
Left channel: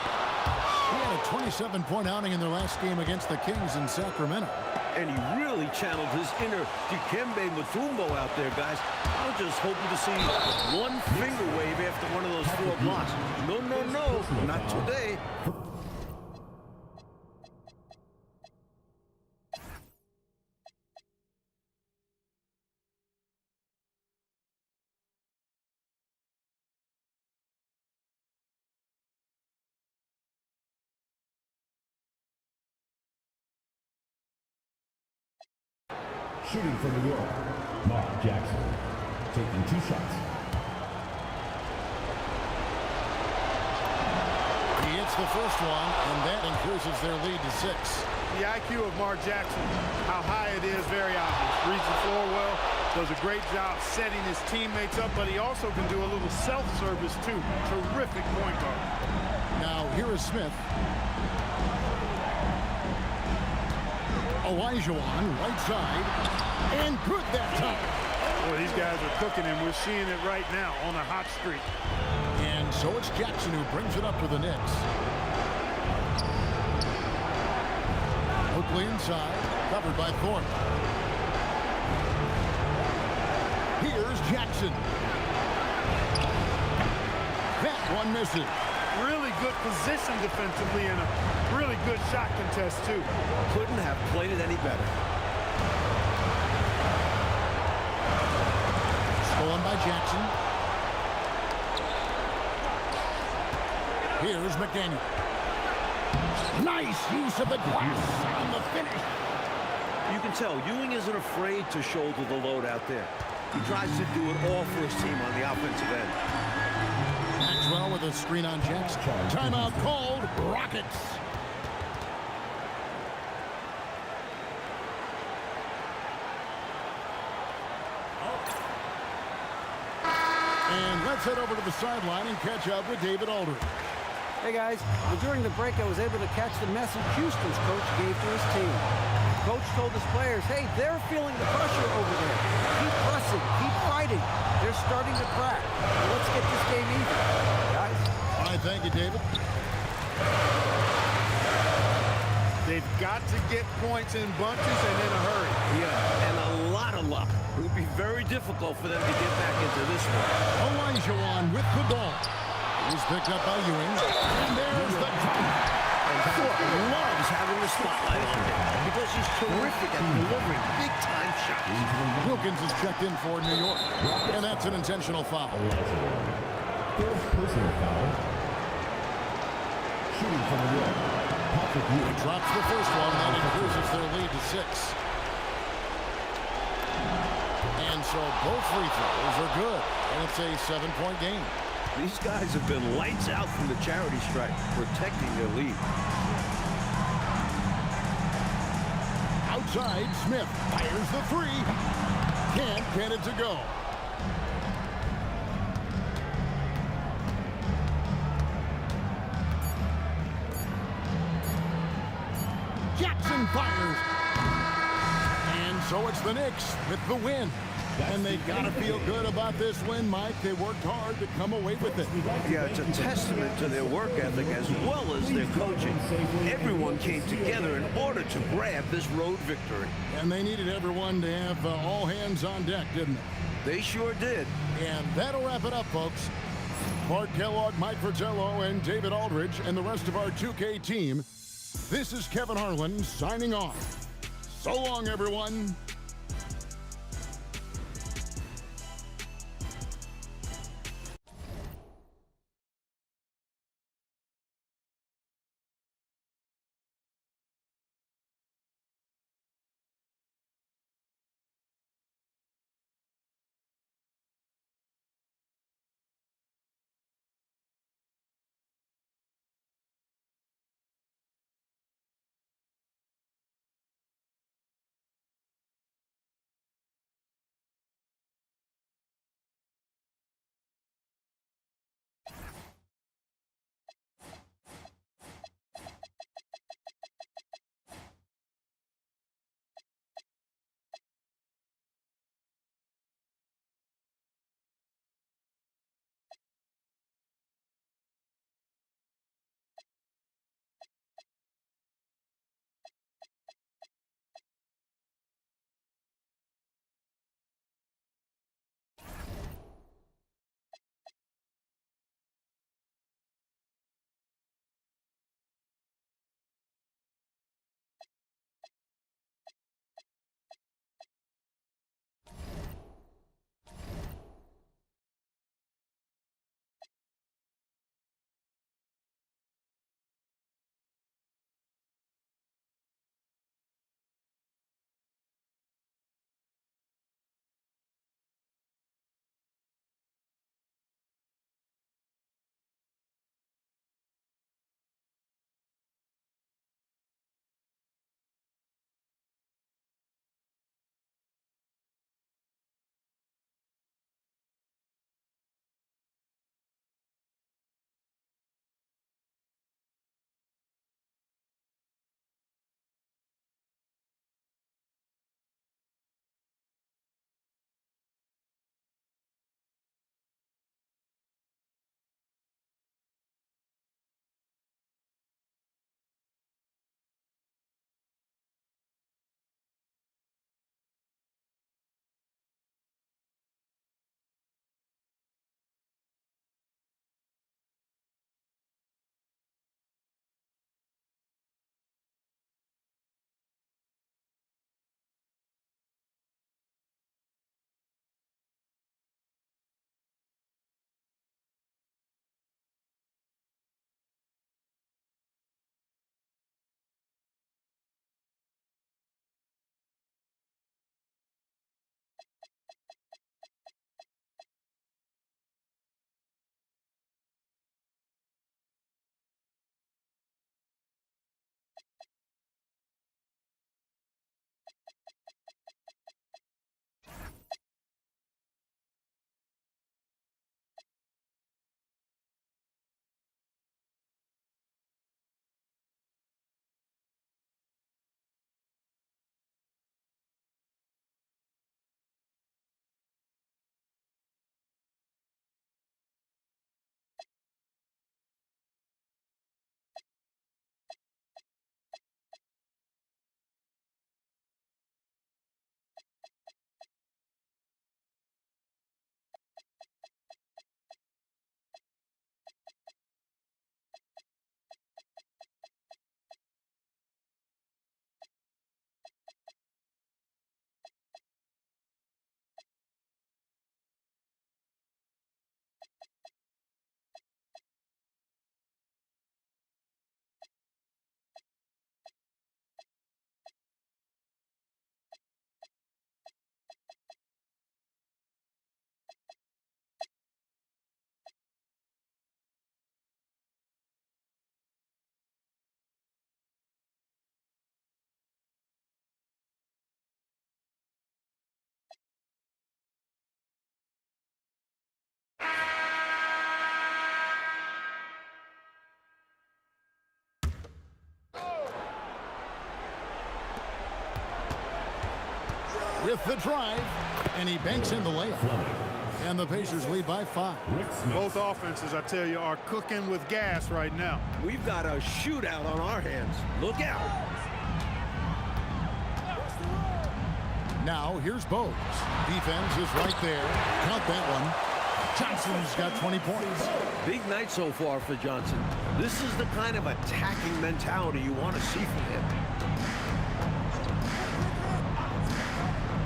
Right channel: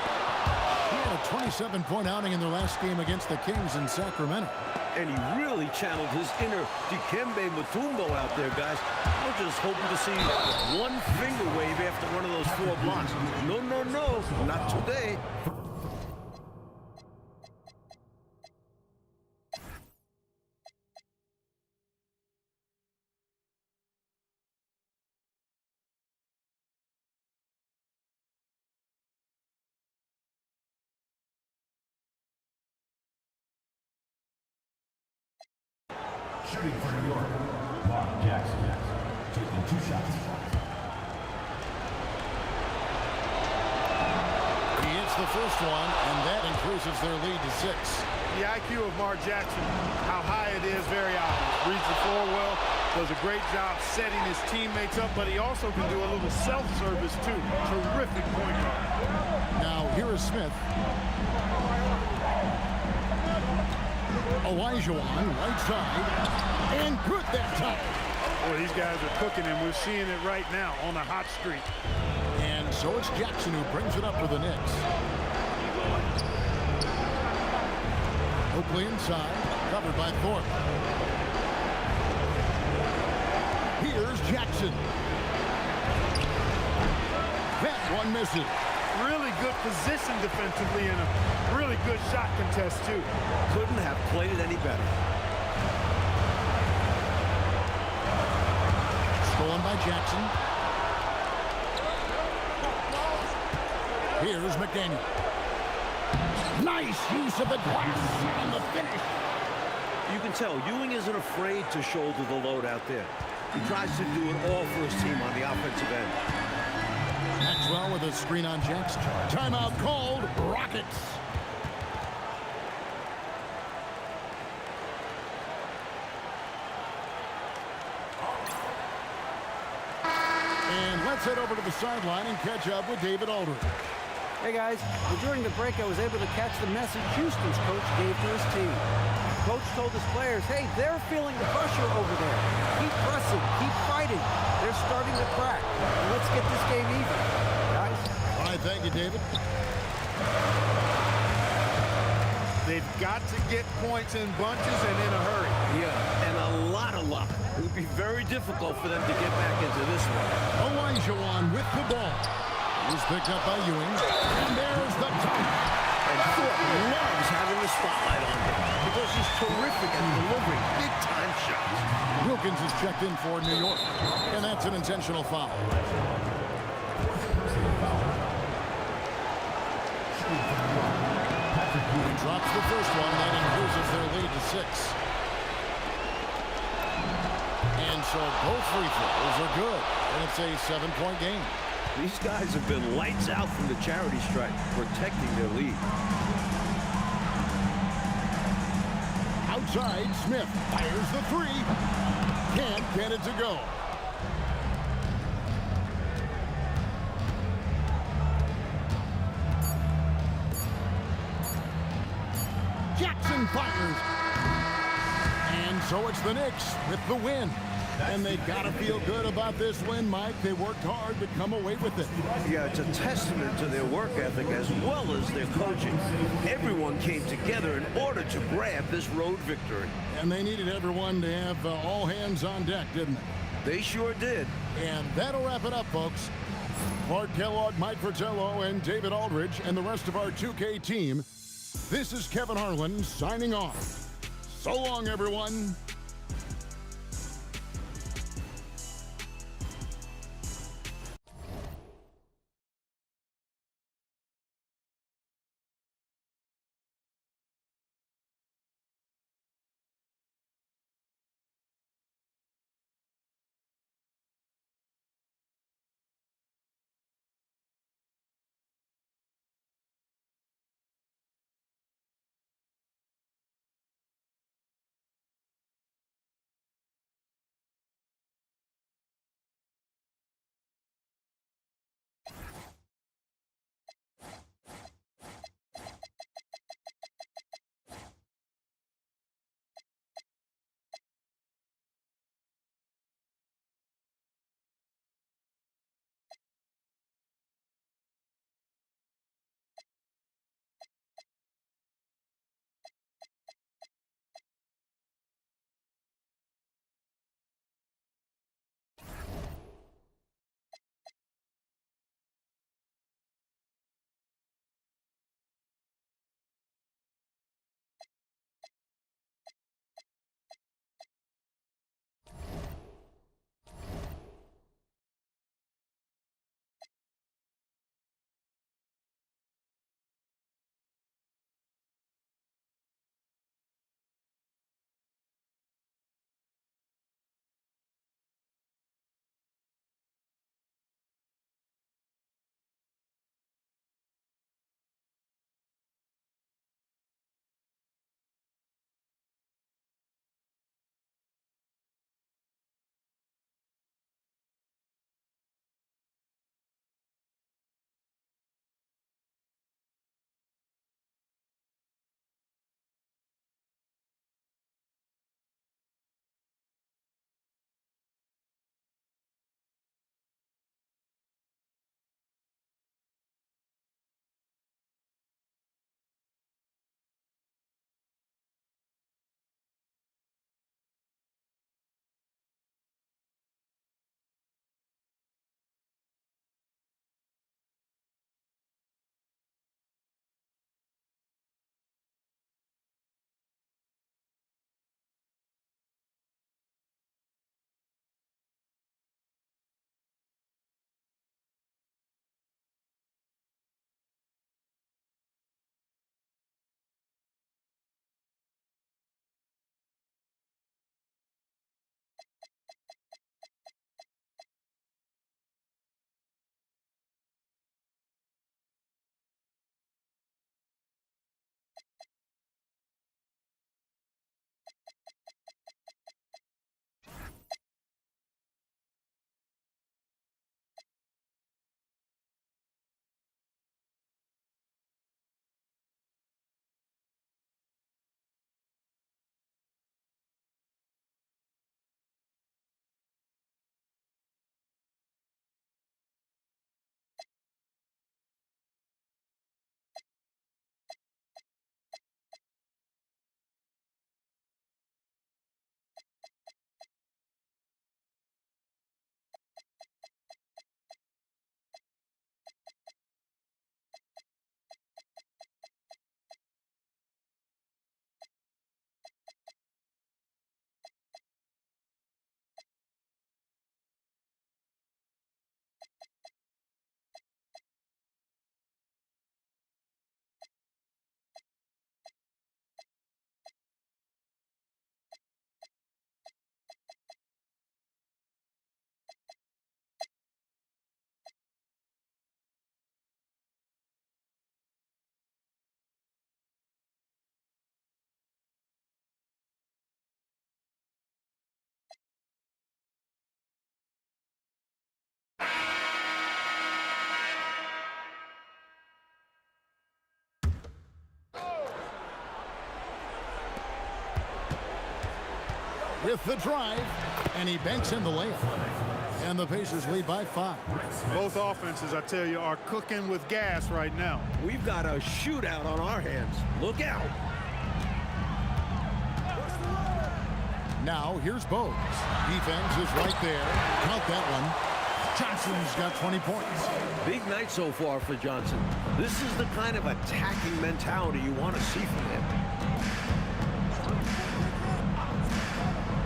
He had a 27-point outing in their last game against the Kings in Sacramento. And he really channeled his inner Dikembe Mutombo out there, guys. I was just hoping to see one finger wave after one of those 4 blocks. No, no, no, not today. Shooting for New York, Mark Jackson. Taking 2 shots. He hits the first one, and that increases their lead to 6. The IQ of Mark Jackson, how high it is, very obvious. Reads the floor well, does a great job setting his teammates up, but he also can do a little self-service too. Terrific point guard. Now, here is Smith. Olajuwon, right side, and good that time. Boy, these guys are cooking, and we're seeing it right now on a hot streak. And so it's Jackson who brings it up for the Knicks. Oakley inside, covered by Thorpe. Here's Jackson. That one misses. Really good position defensively and a really good shot contest, too. Couldn't have played it any better. Stolen by Jackson. Here's McDaniel. Nice use of the glass on the finish. You can tell Ewing isn't afraid to shoulder the load out there. He tries to do it all for his team on the offensive end. Maxwell with a screen on Jackson. Timeout called. Rockets. And let's head over to the sideline and catch up with David Aldridge. Hey guys, well, during the break I was able to catch the message Houston's coach gave to his team. Coach told his players, hey, they're feeling the pressure over there. Keep pressing, keep fighting. They're starting to crack. Well, let's get this game even, guys. All right, thank you, David. They've got to get points in bunches and in a hurry. Yeah, and a lot of luck. It would be very difficult for them to get back into this one. Elijah with the ball. He's picked up by Ewing. And there's the dunk. And Thorpe loves having the spotlight on him because he's terrific at delivering big-time shots. Wilkins is checked in for New York. And that's an intentional foul. Fourth personal foul. Shooting from New York. He drops the first one. That increases their lead to 6. And so both free throws are good. And it's a 7-point game. These guys have been lights out from the charity stripe, protecting their lead. Outside, Smith fires the 3. Can't get it to go. Jackson fires. And so it's the Knicks with the win. And they got to feel good about this win, Mike. They worked hard to come away with it. Yeah, it's a testament to their work ethic as well as their coaching. Everyone came together in order to grab this road victory. And they needed everyone to have all hands on deck, didn't they? They sure did. And that'll wrap it up, folks. Clark Kellogg, Mike Fratello, and David Aldridge, and the rest of our 2K team. This is Kevin Harlan signing off. So long, everyone. with the drive, and he banks in the layup. And the Pacers lead by 5. Both offenses, I tell you, are cooking with gas right now. We've got a shootout on our hands. Look out. Now here's Bogues. Defense is right there. Count that one. Johnson's got 20 points. Big night so far for Johnson. This is the kind of attacking mentality you want to see from him.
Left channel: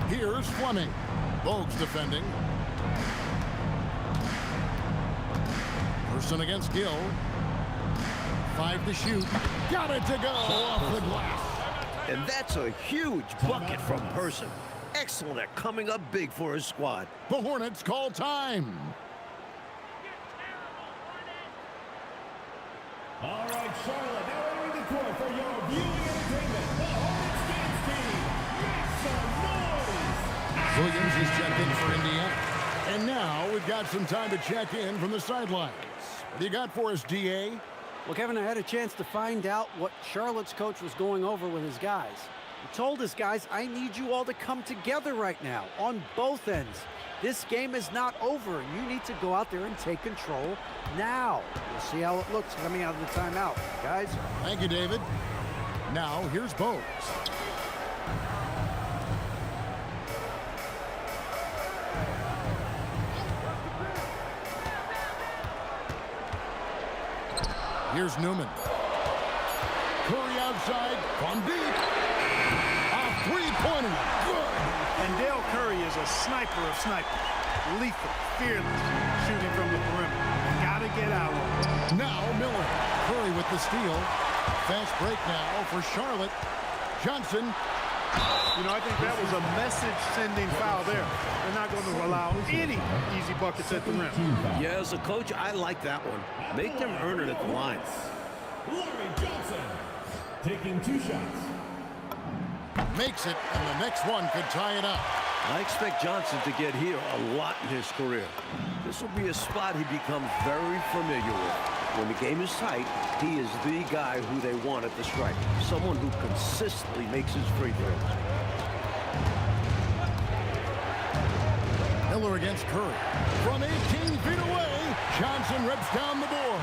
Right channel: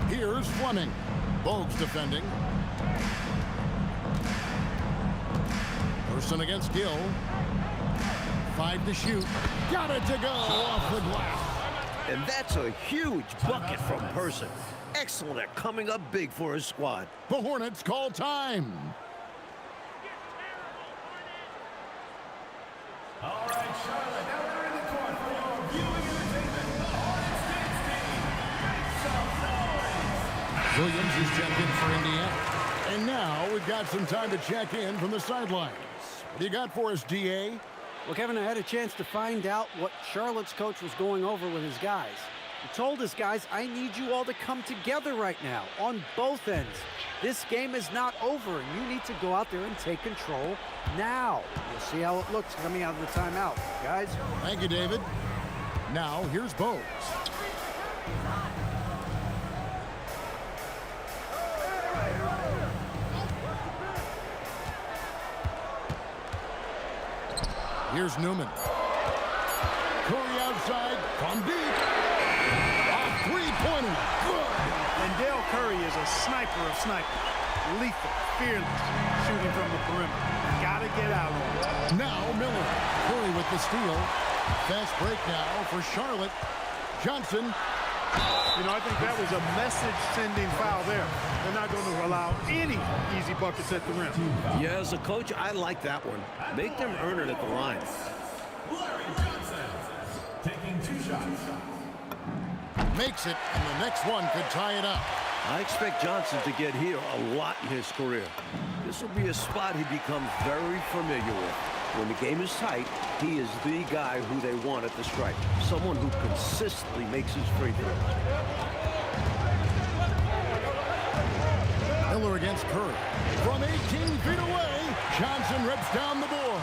Here's Fleming. Bogues defending. Person against Gill. 5 to shoot. Got it to go off the glass. And that's a huge bucket from Person. Excellent at coming up big for his squad. The Hornets call time. All right, Charlotte, now entering the court for your viewing entertainment, the Hornets dance team. Make some noise! Williams is checked in for Indiana. And now we've got some time to check in from the sidelines. What do you got for us, DA? Well, Kevin, I had a chance to find out what Charlotte's coach was going over with his guys. He told his guys, I need you all to come together right now on both ends. This game is not over, and you need to go out there and take control now. We'll see how it looks coming out of the timeout. Guys? Thank you, David. Now, here's Bogues. Here's Newman. Curry outside from deep. A three-pointer. Good. And Dale Curry is a sniper of snipers. Lethal, fearless, shooting from the perimeter. Gotta get out on it. Now Miller. Curry with the steal. Fast break now for Charlotte. Johnson. You know, I think that was a message-sending foul there. They're not going to allow any easy buckets at the rim. Yeah, as a coach, I like that one. Make them earn it at the line. Larry Johnson taking 2 shots. Makes it, and the next one could tie it up. I expect Johnson to get here a lot in his career. This will be a spot he becomes very familiar with. When the game is tight, he is the guy who they want at the stripe. Someone who consistently makes his free throws. Miller against Curry. From 18 feet away, Johnson rips down the board.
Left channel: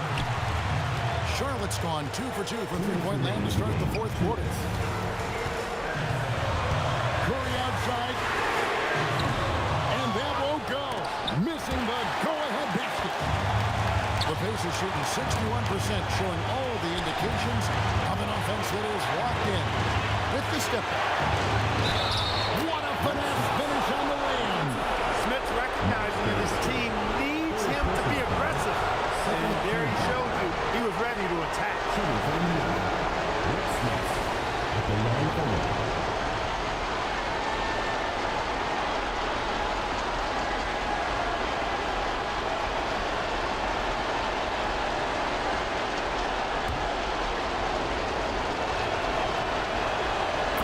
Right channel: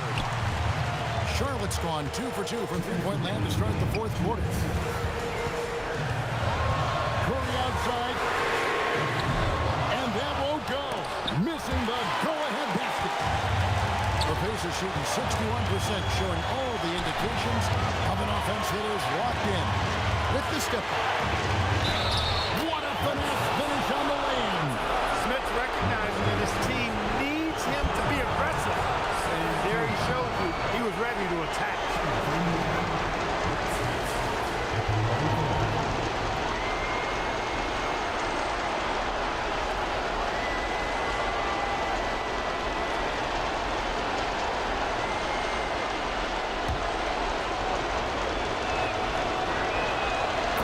Charlotte's gone 2 for 2 from three-point land to start the 4th quarter. Curry outside. And that won't go. Missing the go-ahead basket. The Pacers shooting 61%, showing all the indications of an offense that is locked in. With the step back. What a finesse finish on the lay-in. Smith's recognizing that his team needs him to be aggressive. And there he showed you he was ready to attack.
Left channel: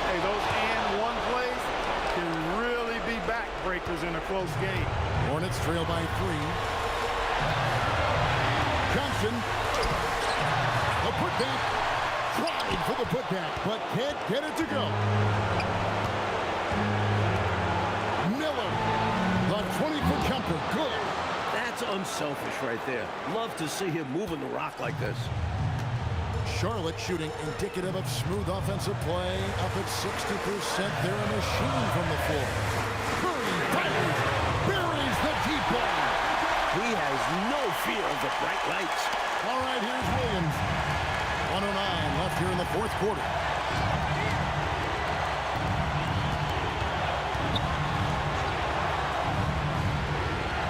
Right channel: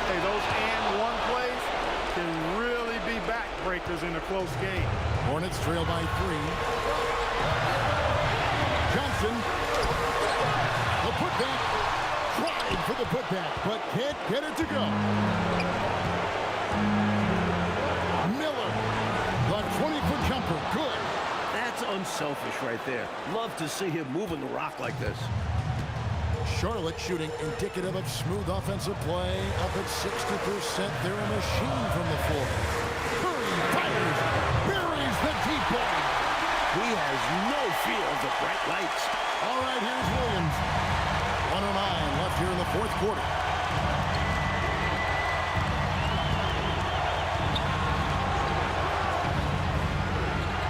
Hey, those and one plays can really be backbreakers in a close game. Hornets trail by 3. Johnson. The putback. Tried for the putback, but can't get it to go. Miller. The 20-foot jumper. Good. That's unselfish right there. Love to see him moving the rock like this. Charlotte shooting indicative of smooth offensive play. Up at 60%. They're a machine from the floor. Curry fires. Buries the deep ball. He has no fear of the bright lights. All right, here's Williams. 1:09 left here in the 4th quarter.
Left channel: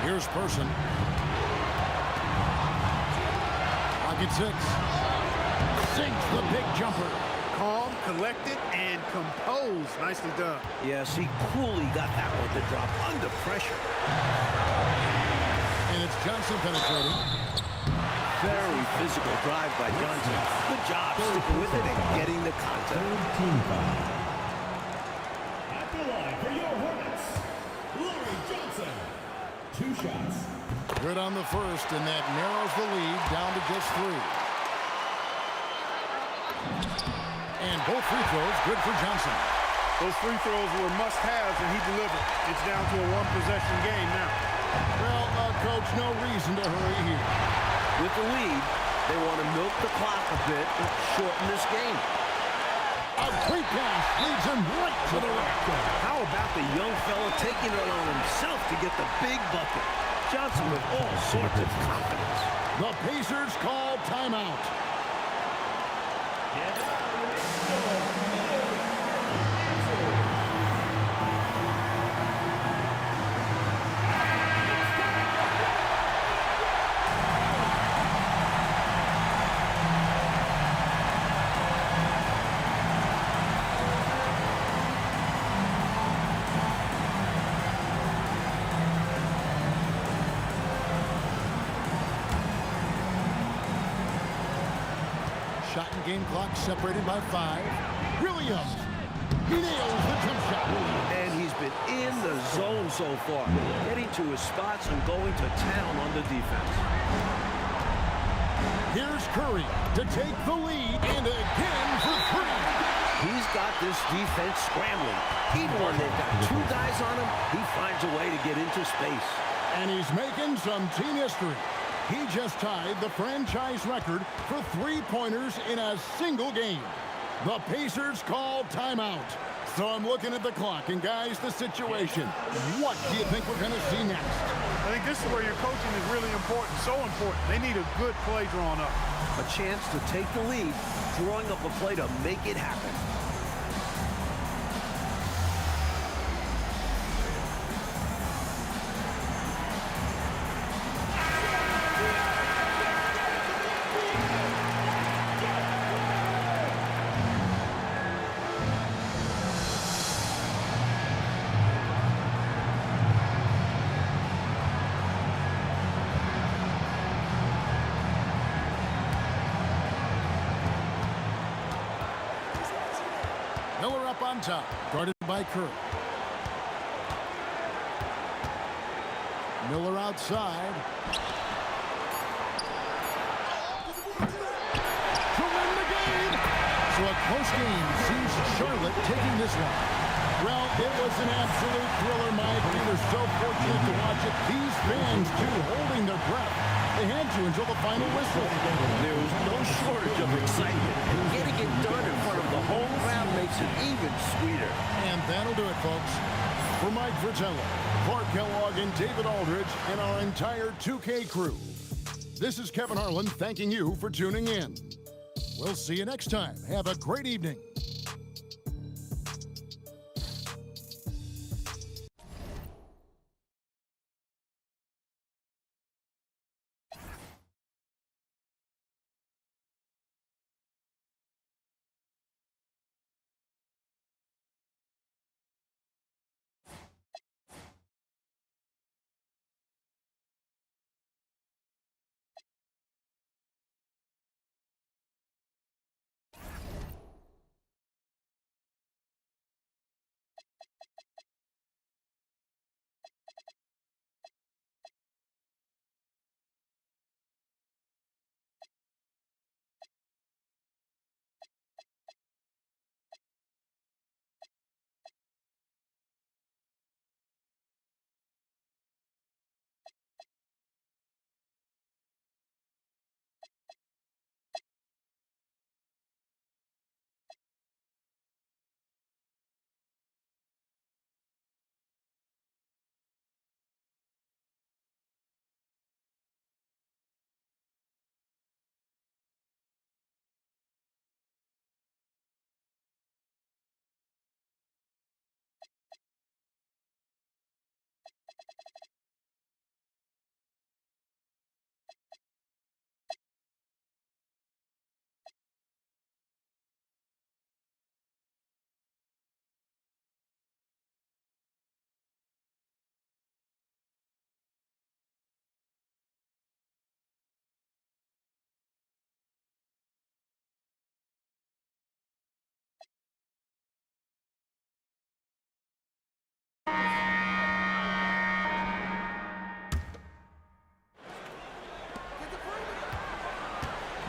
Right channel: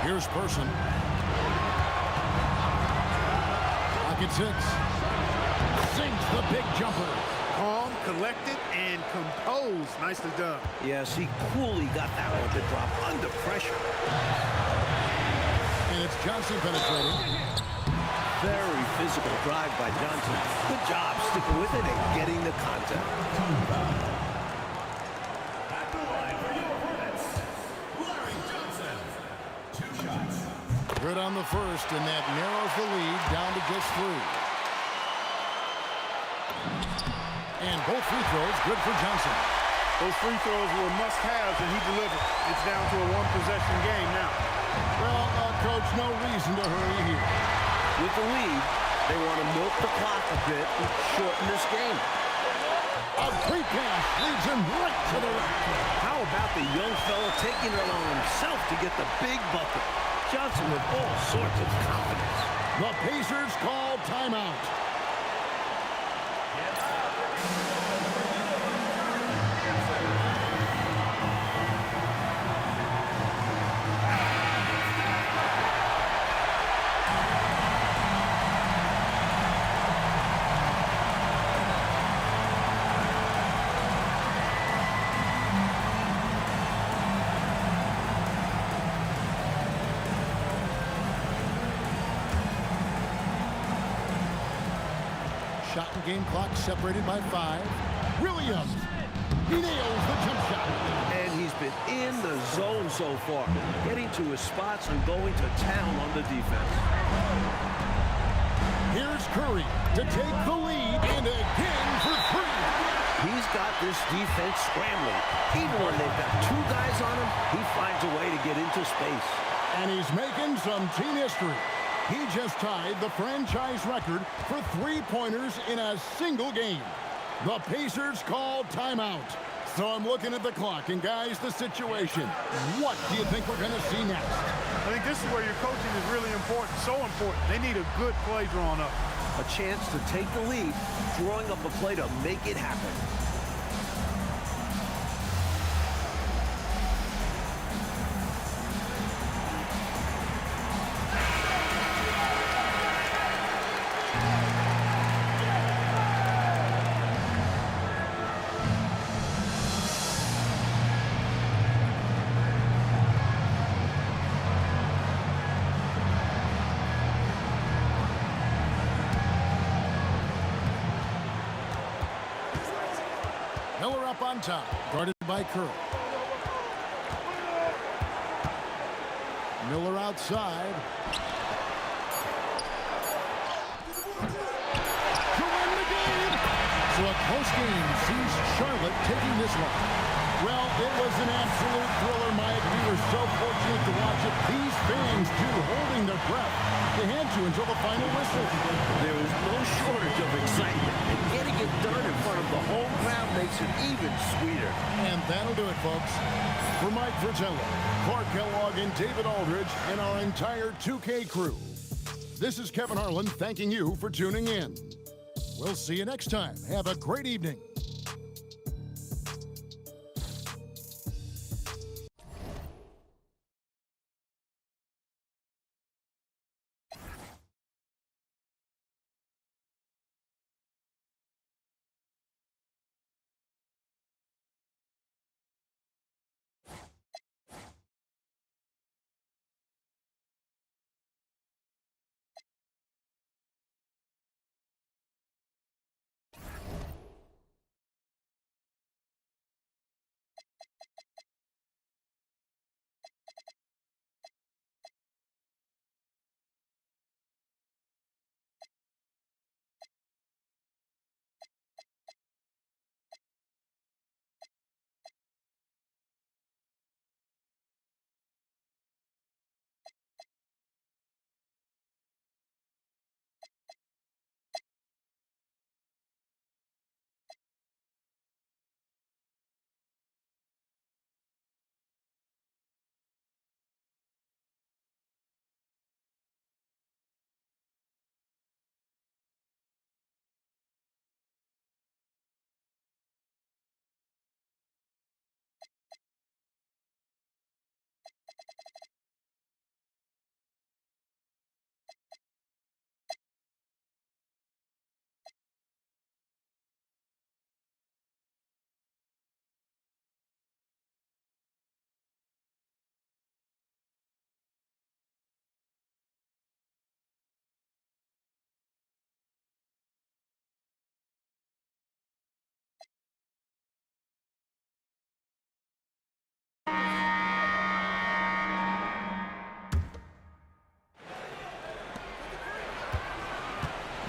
Here's Person. Clock at 6. Sinks the big jumper. Calm, collected, and composed. Nicely done. Yes, he coolly got that one to drop under pressure. And it's Johnson penetrating. Very physical drive by Johnson. Good job sticking with it and getting the contact. Team foul. At the line for your Hornets, Larry Johnson. 2 shots. Good on the first, and that narrows the lead down to just 3. And both free throws good for Johnson. Those free throws were must-haves, and he delivered. It's down to a one-possession game now. Well, Coach, no reason to hurry here. With the lead, they want to milk the clock a bit and shorten this game. A great pass leads him right to the rack. How about the young fella taking it on himself to get the big bucket? Johnson with all sorts of confidence. The Pacers call timeout. Shot and game clock separated by 5. Williams, he nails the jump shot. And he's been in the zone so far, getting to his spots and going to town on the defense. Here's Curry to take the lead, and again for 3. He's got this defense scrambling. Even when they've got 2 guys on him, he finds a way to get into space. And he's making some team history. He just tied the franchise record for 3-pointers in a single game. The Pacers call timeout. So I'm looking at the clock, and guys, the situation. What do you think we're going to see next? I think this is where your coaching is really important, so important. They need a good play drawn up. A chance to take the lead, drawing up a play to make it happen. Miller up on top, guarded by Curry. Miller outside. To win the game. So a close game sees Charlotte taking this one. Well, it was an absolute thriller, Mike. We were so fortunate to watch it. These fans, too, holding their breath. They had to until the final whistle. There was no shortage of excitement, and getting it done in front of the home crowd makes it even sweeter. And that'll do it, folks. For Mike Fratello, Clark Kellogg, and David Aldridge, and our entire 2K crew, this is Kevin Harlan thanking you for tuning in. We'll see you next time. Have a great evening.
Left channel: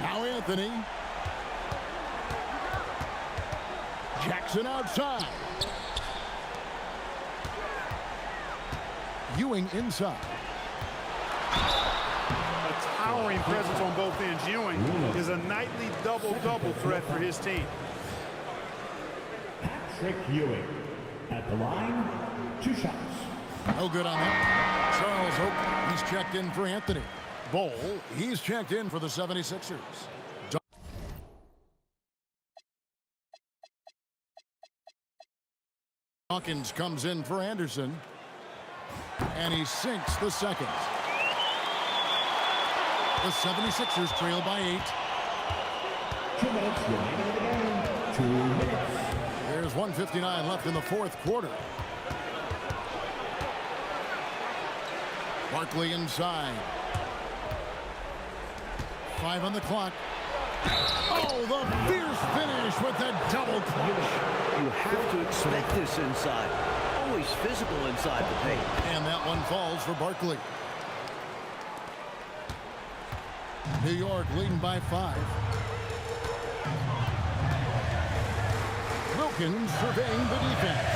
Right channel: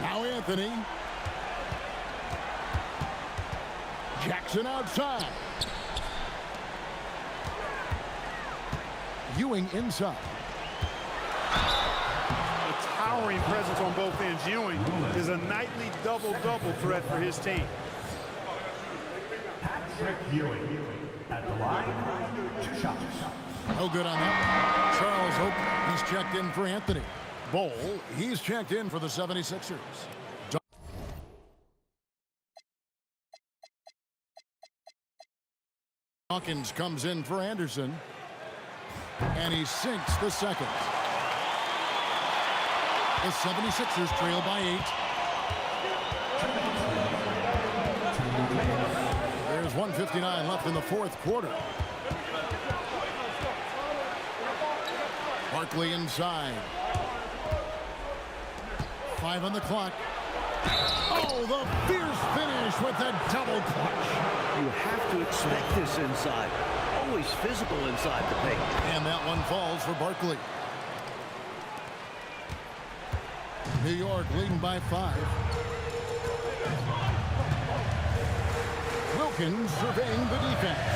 Now Anthony. Jackson outside. Ewing inside. A towering presence on both ends. Ewing is a nightly double-double threat for his team. Patrick Ewing at the line, 2 shots. No good on that. Charles Oakley, he's checked in for Anthony. Bowl, he's checked in for the 76ers. Dawkins comes in for Anderson. And he sinks the second. The 76ers trail by 8. There's 1:59 left in the fourth quarter. Barkley inside. 5 on the clock. Oh, the fierce finish with the double clutch. You have to expect this inside. Always physical inside the paint. And that one falls for Barkley. New York leading by 5. Wilkins surveying the defense.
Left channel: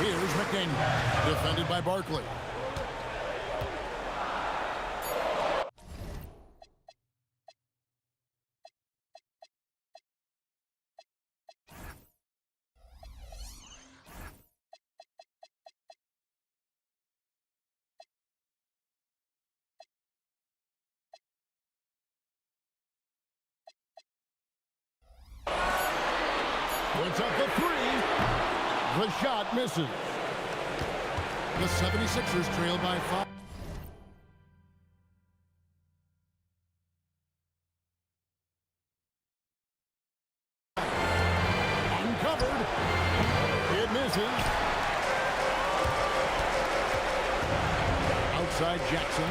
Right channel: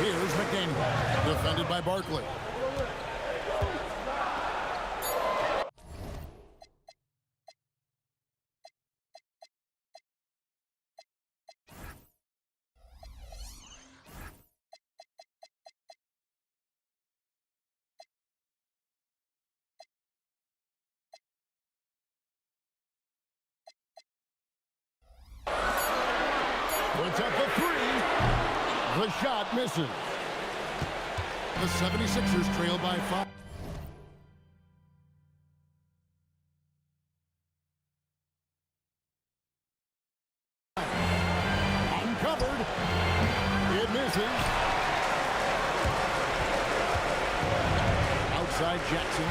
Here's McDaniel, defended by Barkley. Puts up a 3. The shot misses. The 76ers trail by 5. Uncovered. It misses. Outside Jackson.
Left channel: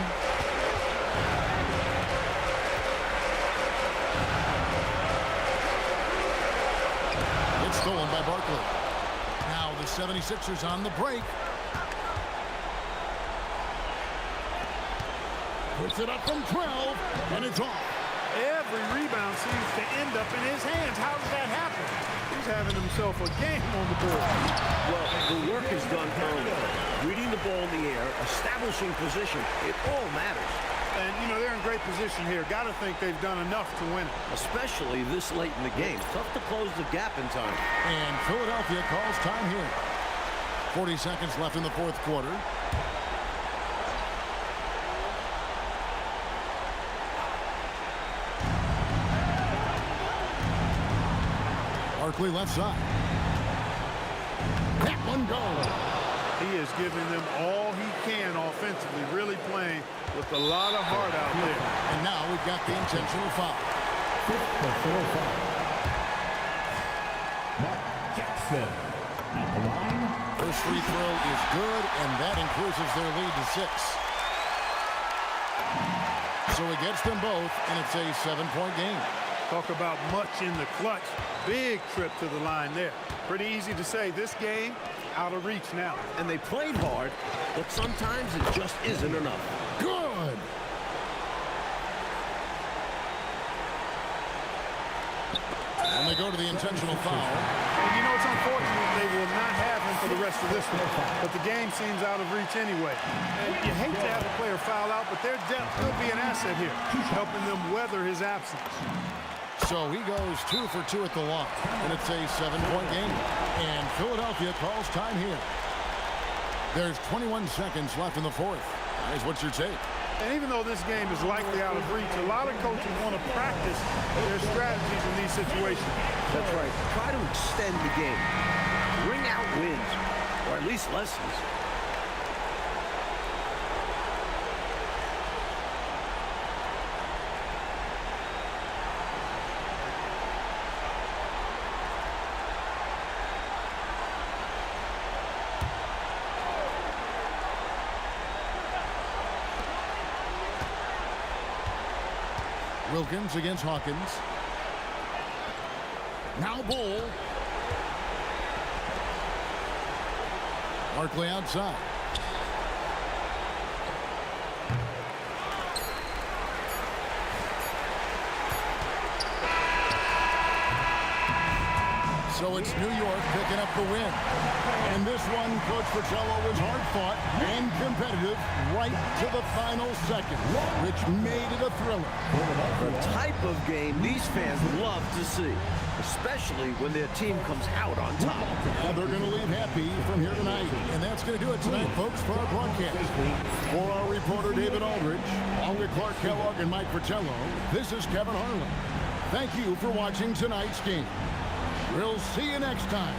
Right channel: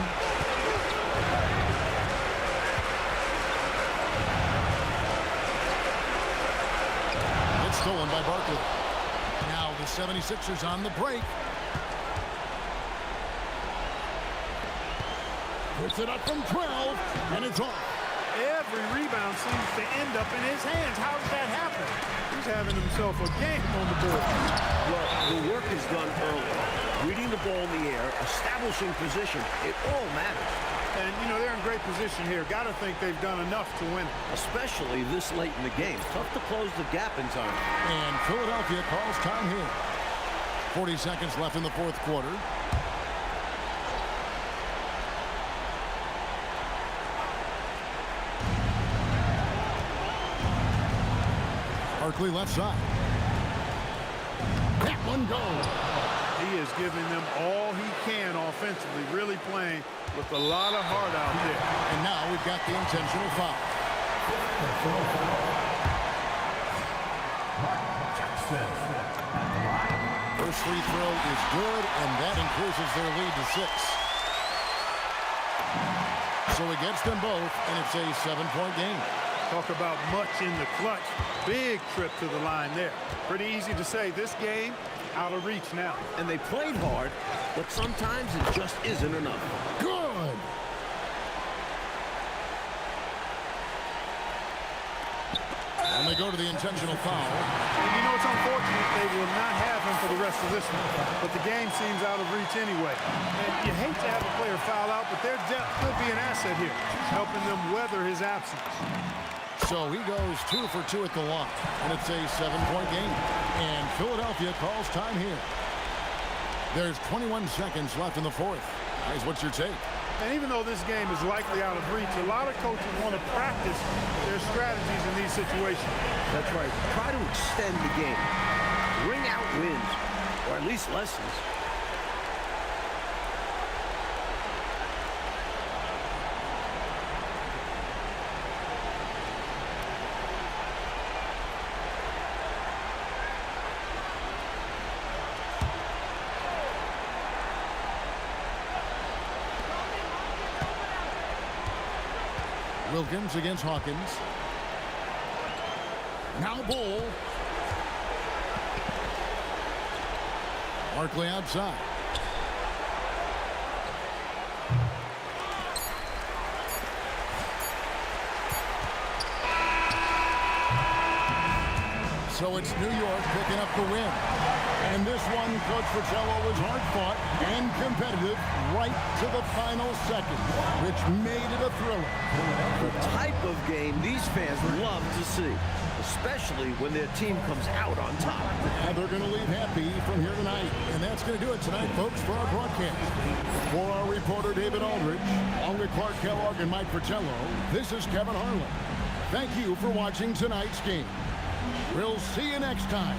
It's stolen by Barkley. Now the 76ers on the break. Puts it up from 12, and it's off. Every rebound seems to end up in his hands. How does that happen? He's having himself a game on the board. Well, the work is done early. Reading the ball in the air, establishing position, it all matters. And, you know, they're in great position here. Got to think they've done enough to win it. Especially this late in the game. Tough to close the gap in time. And Philadelphia calls time here. 40 seconds left in the fourth quarter. Barkley left side. That one goes. He is giving them all he can offensively, really playing with a lot of heart out there. And now we've got the intentional foul. Intentional foul. Mark Jackson at the line. First free throw is good, and that increases their lead to 6. So he gets them both, and it's a 7-point game. Talk about much in the clutch. Big trip to the line there. Pretty easy to say this game out of reach now. And they played hard, but sometimes it just isn't enough. Good. And they go to the intentional foul. And you know, it's unfortunate they will not have him for the rest of this one. But the game seems out of reach anyway. And you hate to have a player foul out, but their depth could be an asset here, helping them weather his absence. So he goes 2 for 2 at the line, and it's a 7-point game. And Philadelphia calls time here. There's 21 seconds left in the fourth. Guys, what's your take? And even though this game is likely out of reach, a lot of coaches want to practice their strategies in these situations. That's right. Try to extend the game. Bring out wins, or at least lessons. Wilkins against Hawkins. Now Bull. Barkley outside. So it's New York picking up the win. And this one, Coach Fratello, was hard-fought and competitive right to the final seconds, which made it a thriller. The type of game these fans love to see, especially when their team comes out on top. And they're going to leave happy from here tonight. And that's going to do it tonight, folks, for our broadcast. For our reporter, David Aldridge, along with Clark Kellogg and Mike Fratello, this is Kevin Harlan. Thank you for watching tonight's game. We'll see you next time.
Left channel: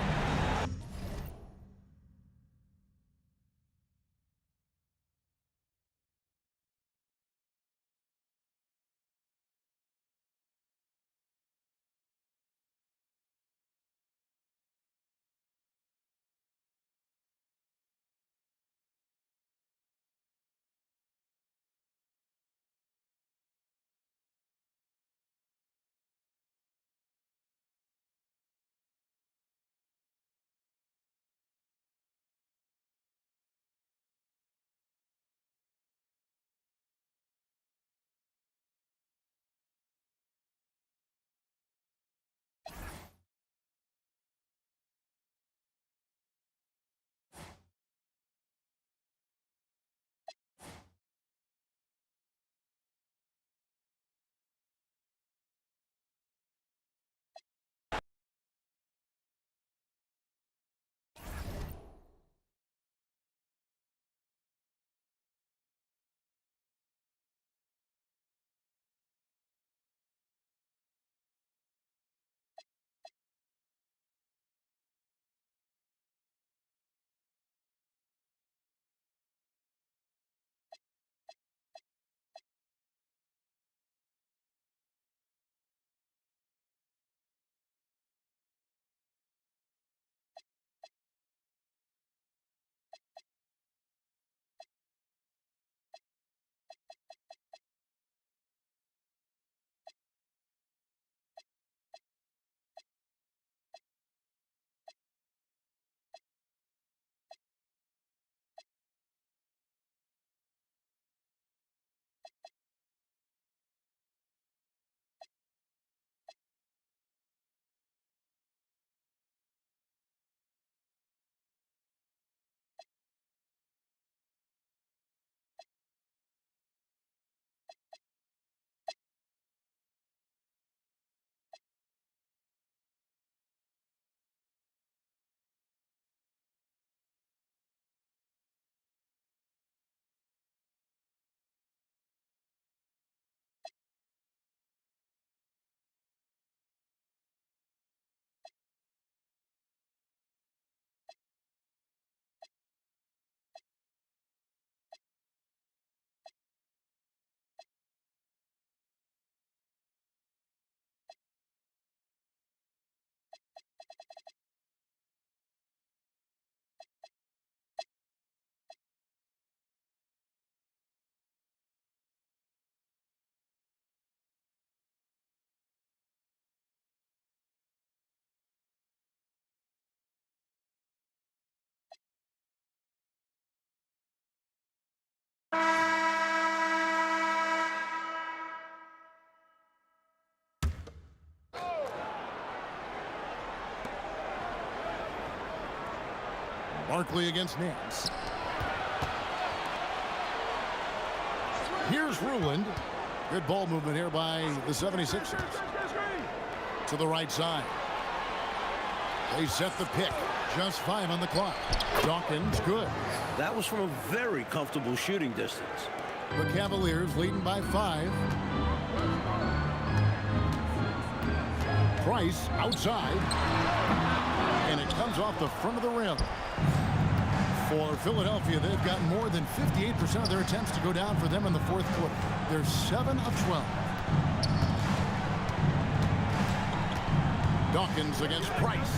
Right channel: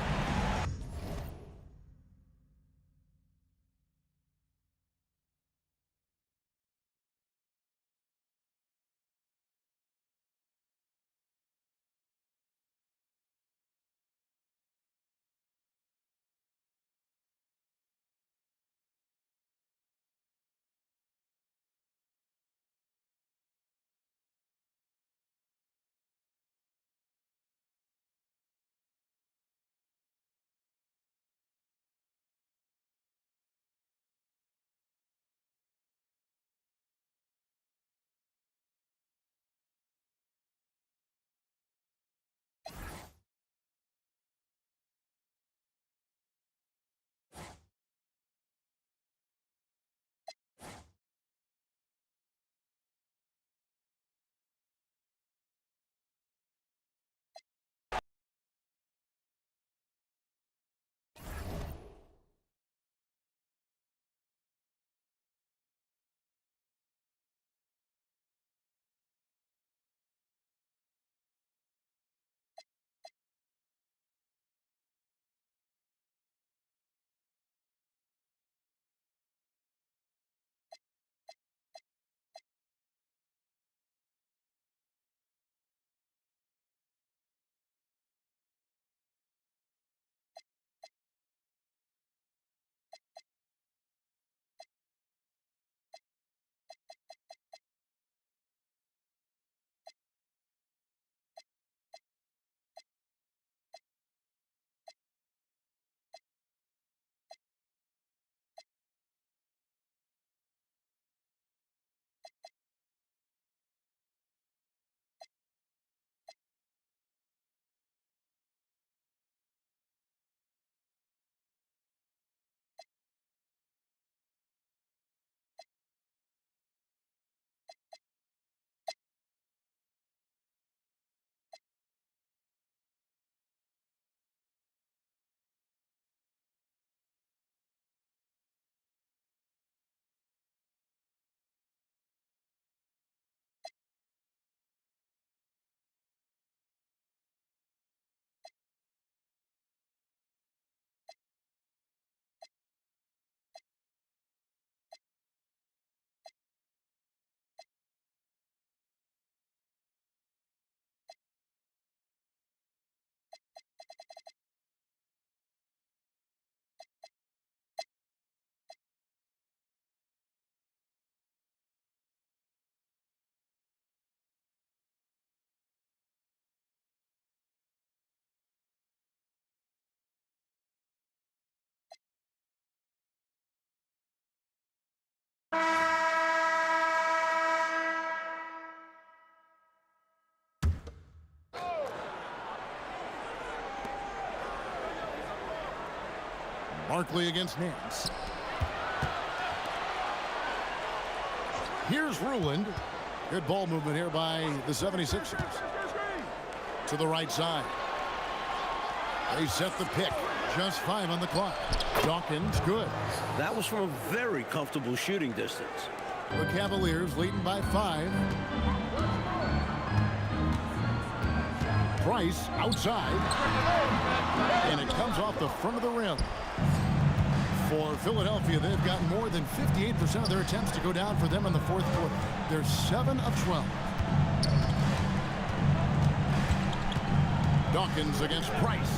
Barkley against Nance. Here's Ruland. Good ball movement here by the 76ers. To the right side. They set the pick. Just 5 on the clock. Dawkins, good. That was from a very comfortable shooting distance. The Cavaliers leading by 5. Price outside. And it comes off the front of the rim. For Philadelphia, they've got more than 58% of their attempts to go down for them in the fourth quarter. They're 7 of 12. Dawkins against Price.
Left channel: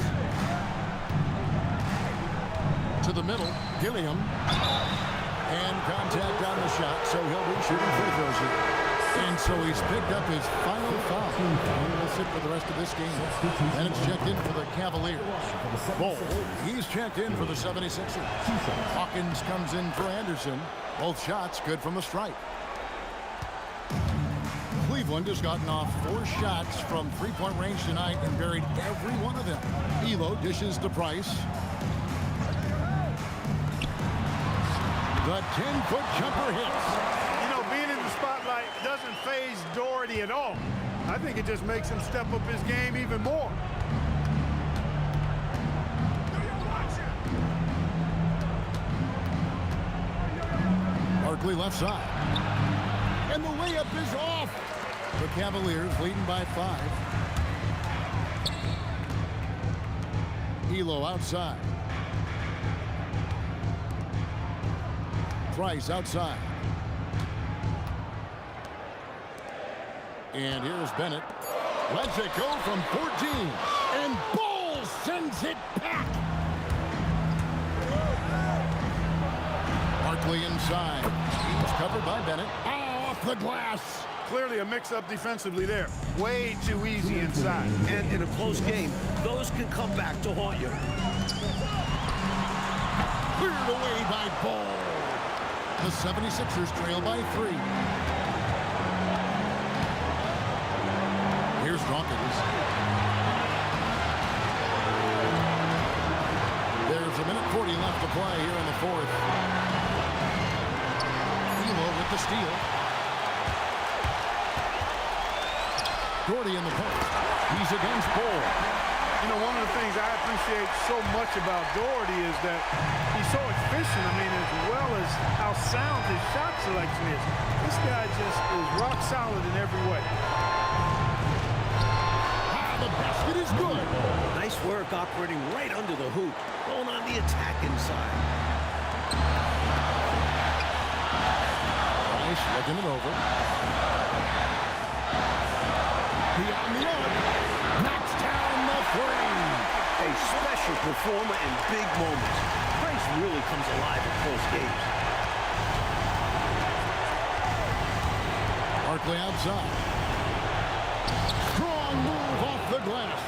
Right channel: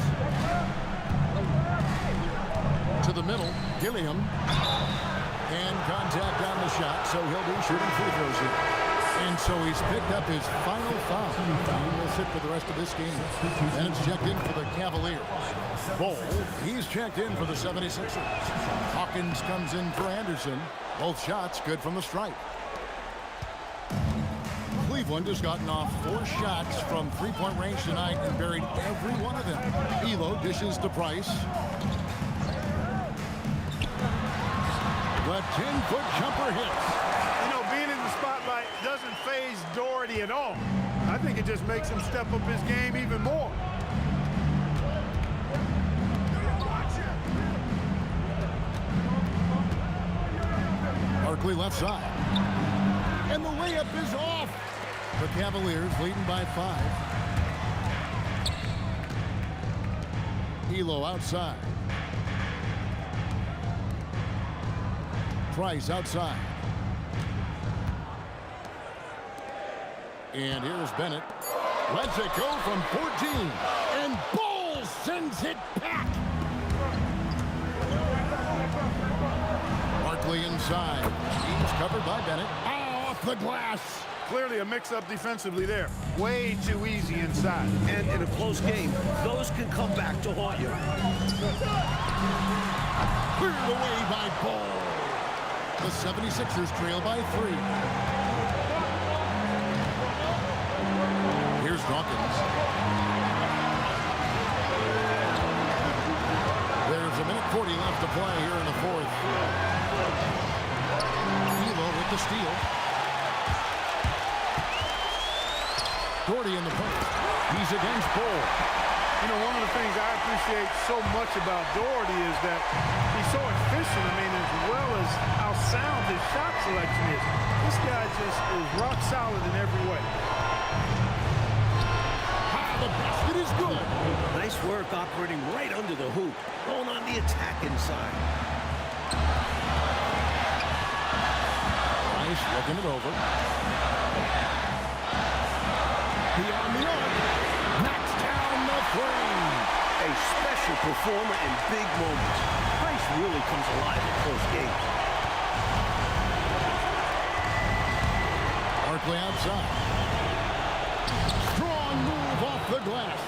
To the middle, Gilliam. And contact on the shot, so he'll be shooting free throws here. And so he's picked up his final foul. He will sit for the rest of this game. And it's checked in for the Cavaliers. Ball, he's checked in for the 76ers. Hawkins comes in for Anderson. Both shots good from the stripe. Cleveland has gotten off 4 shots from three-point range tonight and buried every one of them. Elo dishes to Price. The 10-foot jumper hits. You know, being in the spotlight doesn't faze Daugherty at all. I think it just makes him step up his game even more. Barkley left side. And the layup is off. The Cavaliers leading by 5. Elo outside. Price outside. And here's Bennett. Lets it go from 14. And Ball sends it back. Barkley inside. He's covered by Bennett. Off the glass. Clearly a mix-up defensively there. Way too easy inside. And in a close game, those can come back to haunt you. Cleared away by Ball. The 76ers trail by 3. Here's Dawkins. There's a minute 40 left to play here in the 4th. Elo with the steal. Daugherty in the post. He's against Ball. You know, one of the things I appreciate so much about Daugherty is that he's so efficient. I mean, as well as how sound his shot selection is. This guy just is rock solid in every way. The basket is good. Nice work operating right under the hoop. Going on the attack inside. Price looking it over. Beyond the arc. Knocks down the 3. A special performer in big moments. Price really comes alive in close games. Barkley outside. Strong move off the glass.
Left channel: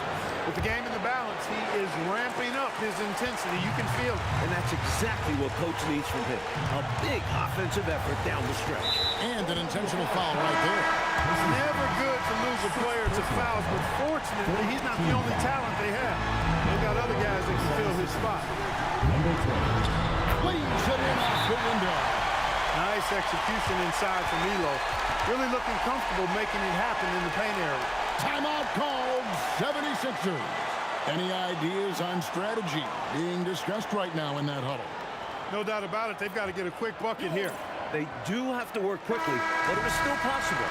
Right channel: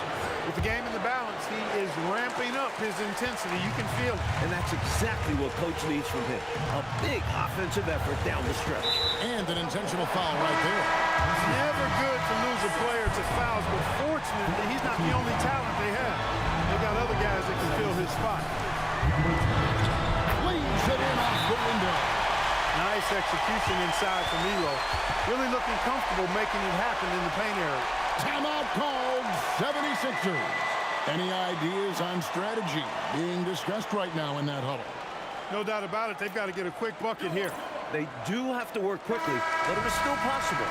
With the game in the balance, he is ramping up his intensity. You can feel it. And that's exactly what Coach needs from him. A big offensive effort down the stretch. And an intentional foul right there. It's never good to lose a player to fouls, but fortunately, he's not the only talent they have. They've got other guys that can fill his spot. Leaves it in off the window. Nice execution inside from Elo. Really looking comfortable making it happen in the paint area. Timeout called, 76ers. Any ideas on strategy being discussed right now in that huddle? No doubt about it. They've got to get a quick bucket here. They do have to work quickly, but it is still possible.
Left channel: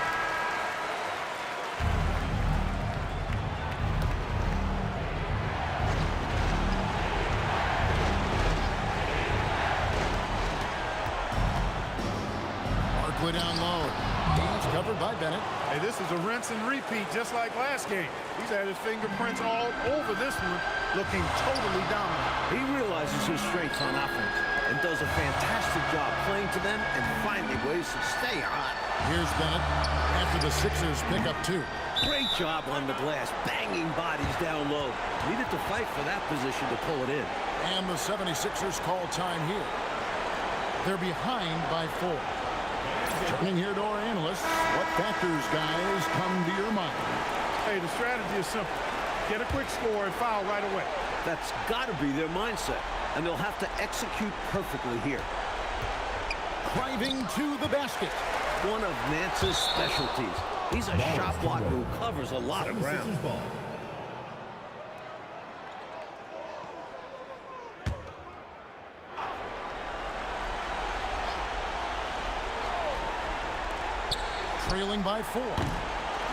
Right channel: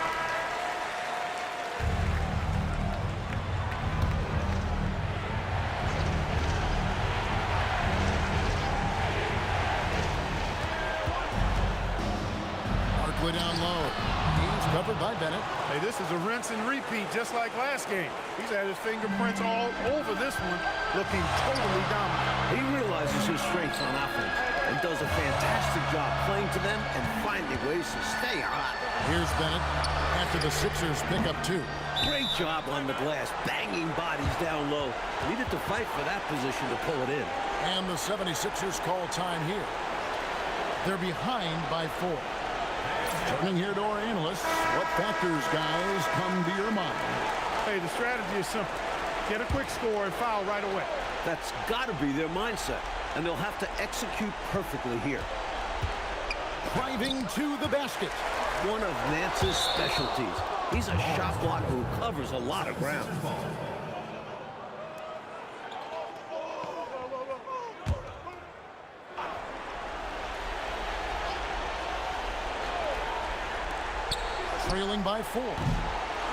Barkley down low. He's covered by Bennett. Hey, this is a rinse and repeat just like last game. He's had his fingerprints all over this one, looking totally dominant. He realizes his strengths on offense and does a fantastic job playing to them and finding ways to stay hot. Here's Bennett after the Sixers pick up 2. Great job on the glass, banging bodies down low. Needed to fight for that position to pull it in. And the 76ers call time here. They're behind by 4. Turning here to our analysts, what factors, guys, come to your mind? Hey, the strategy is simple. Get a quick score and foul right away. That's got to be their mindset, and they'll have to execute perfectly here. Driving to the basket. One of Nance's specialties. He's a shot blocker who covers a lot of ground. Trailing by 4.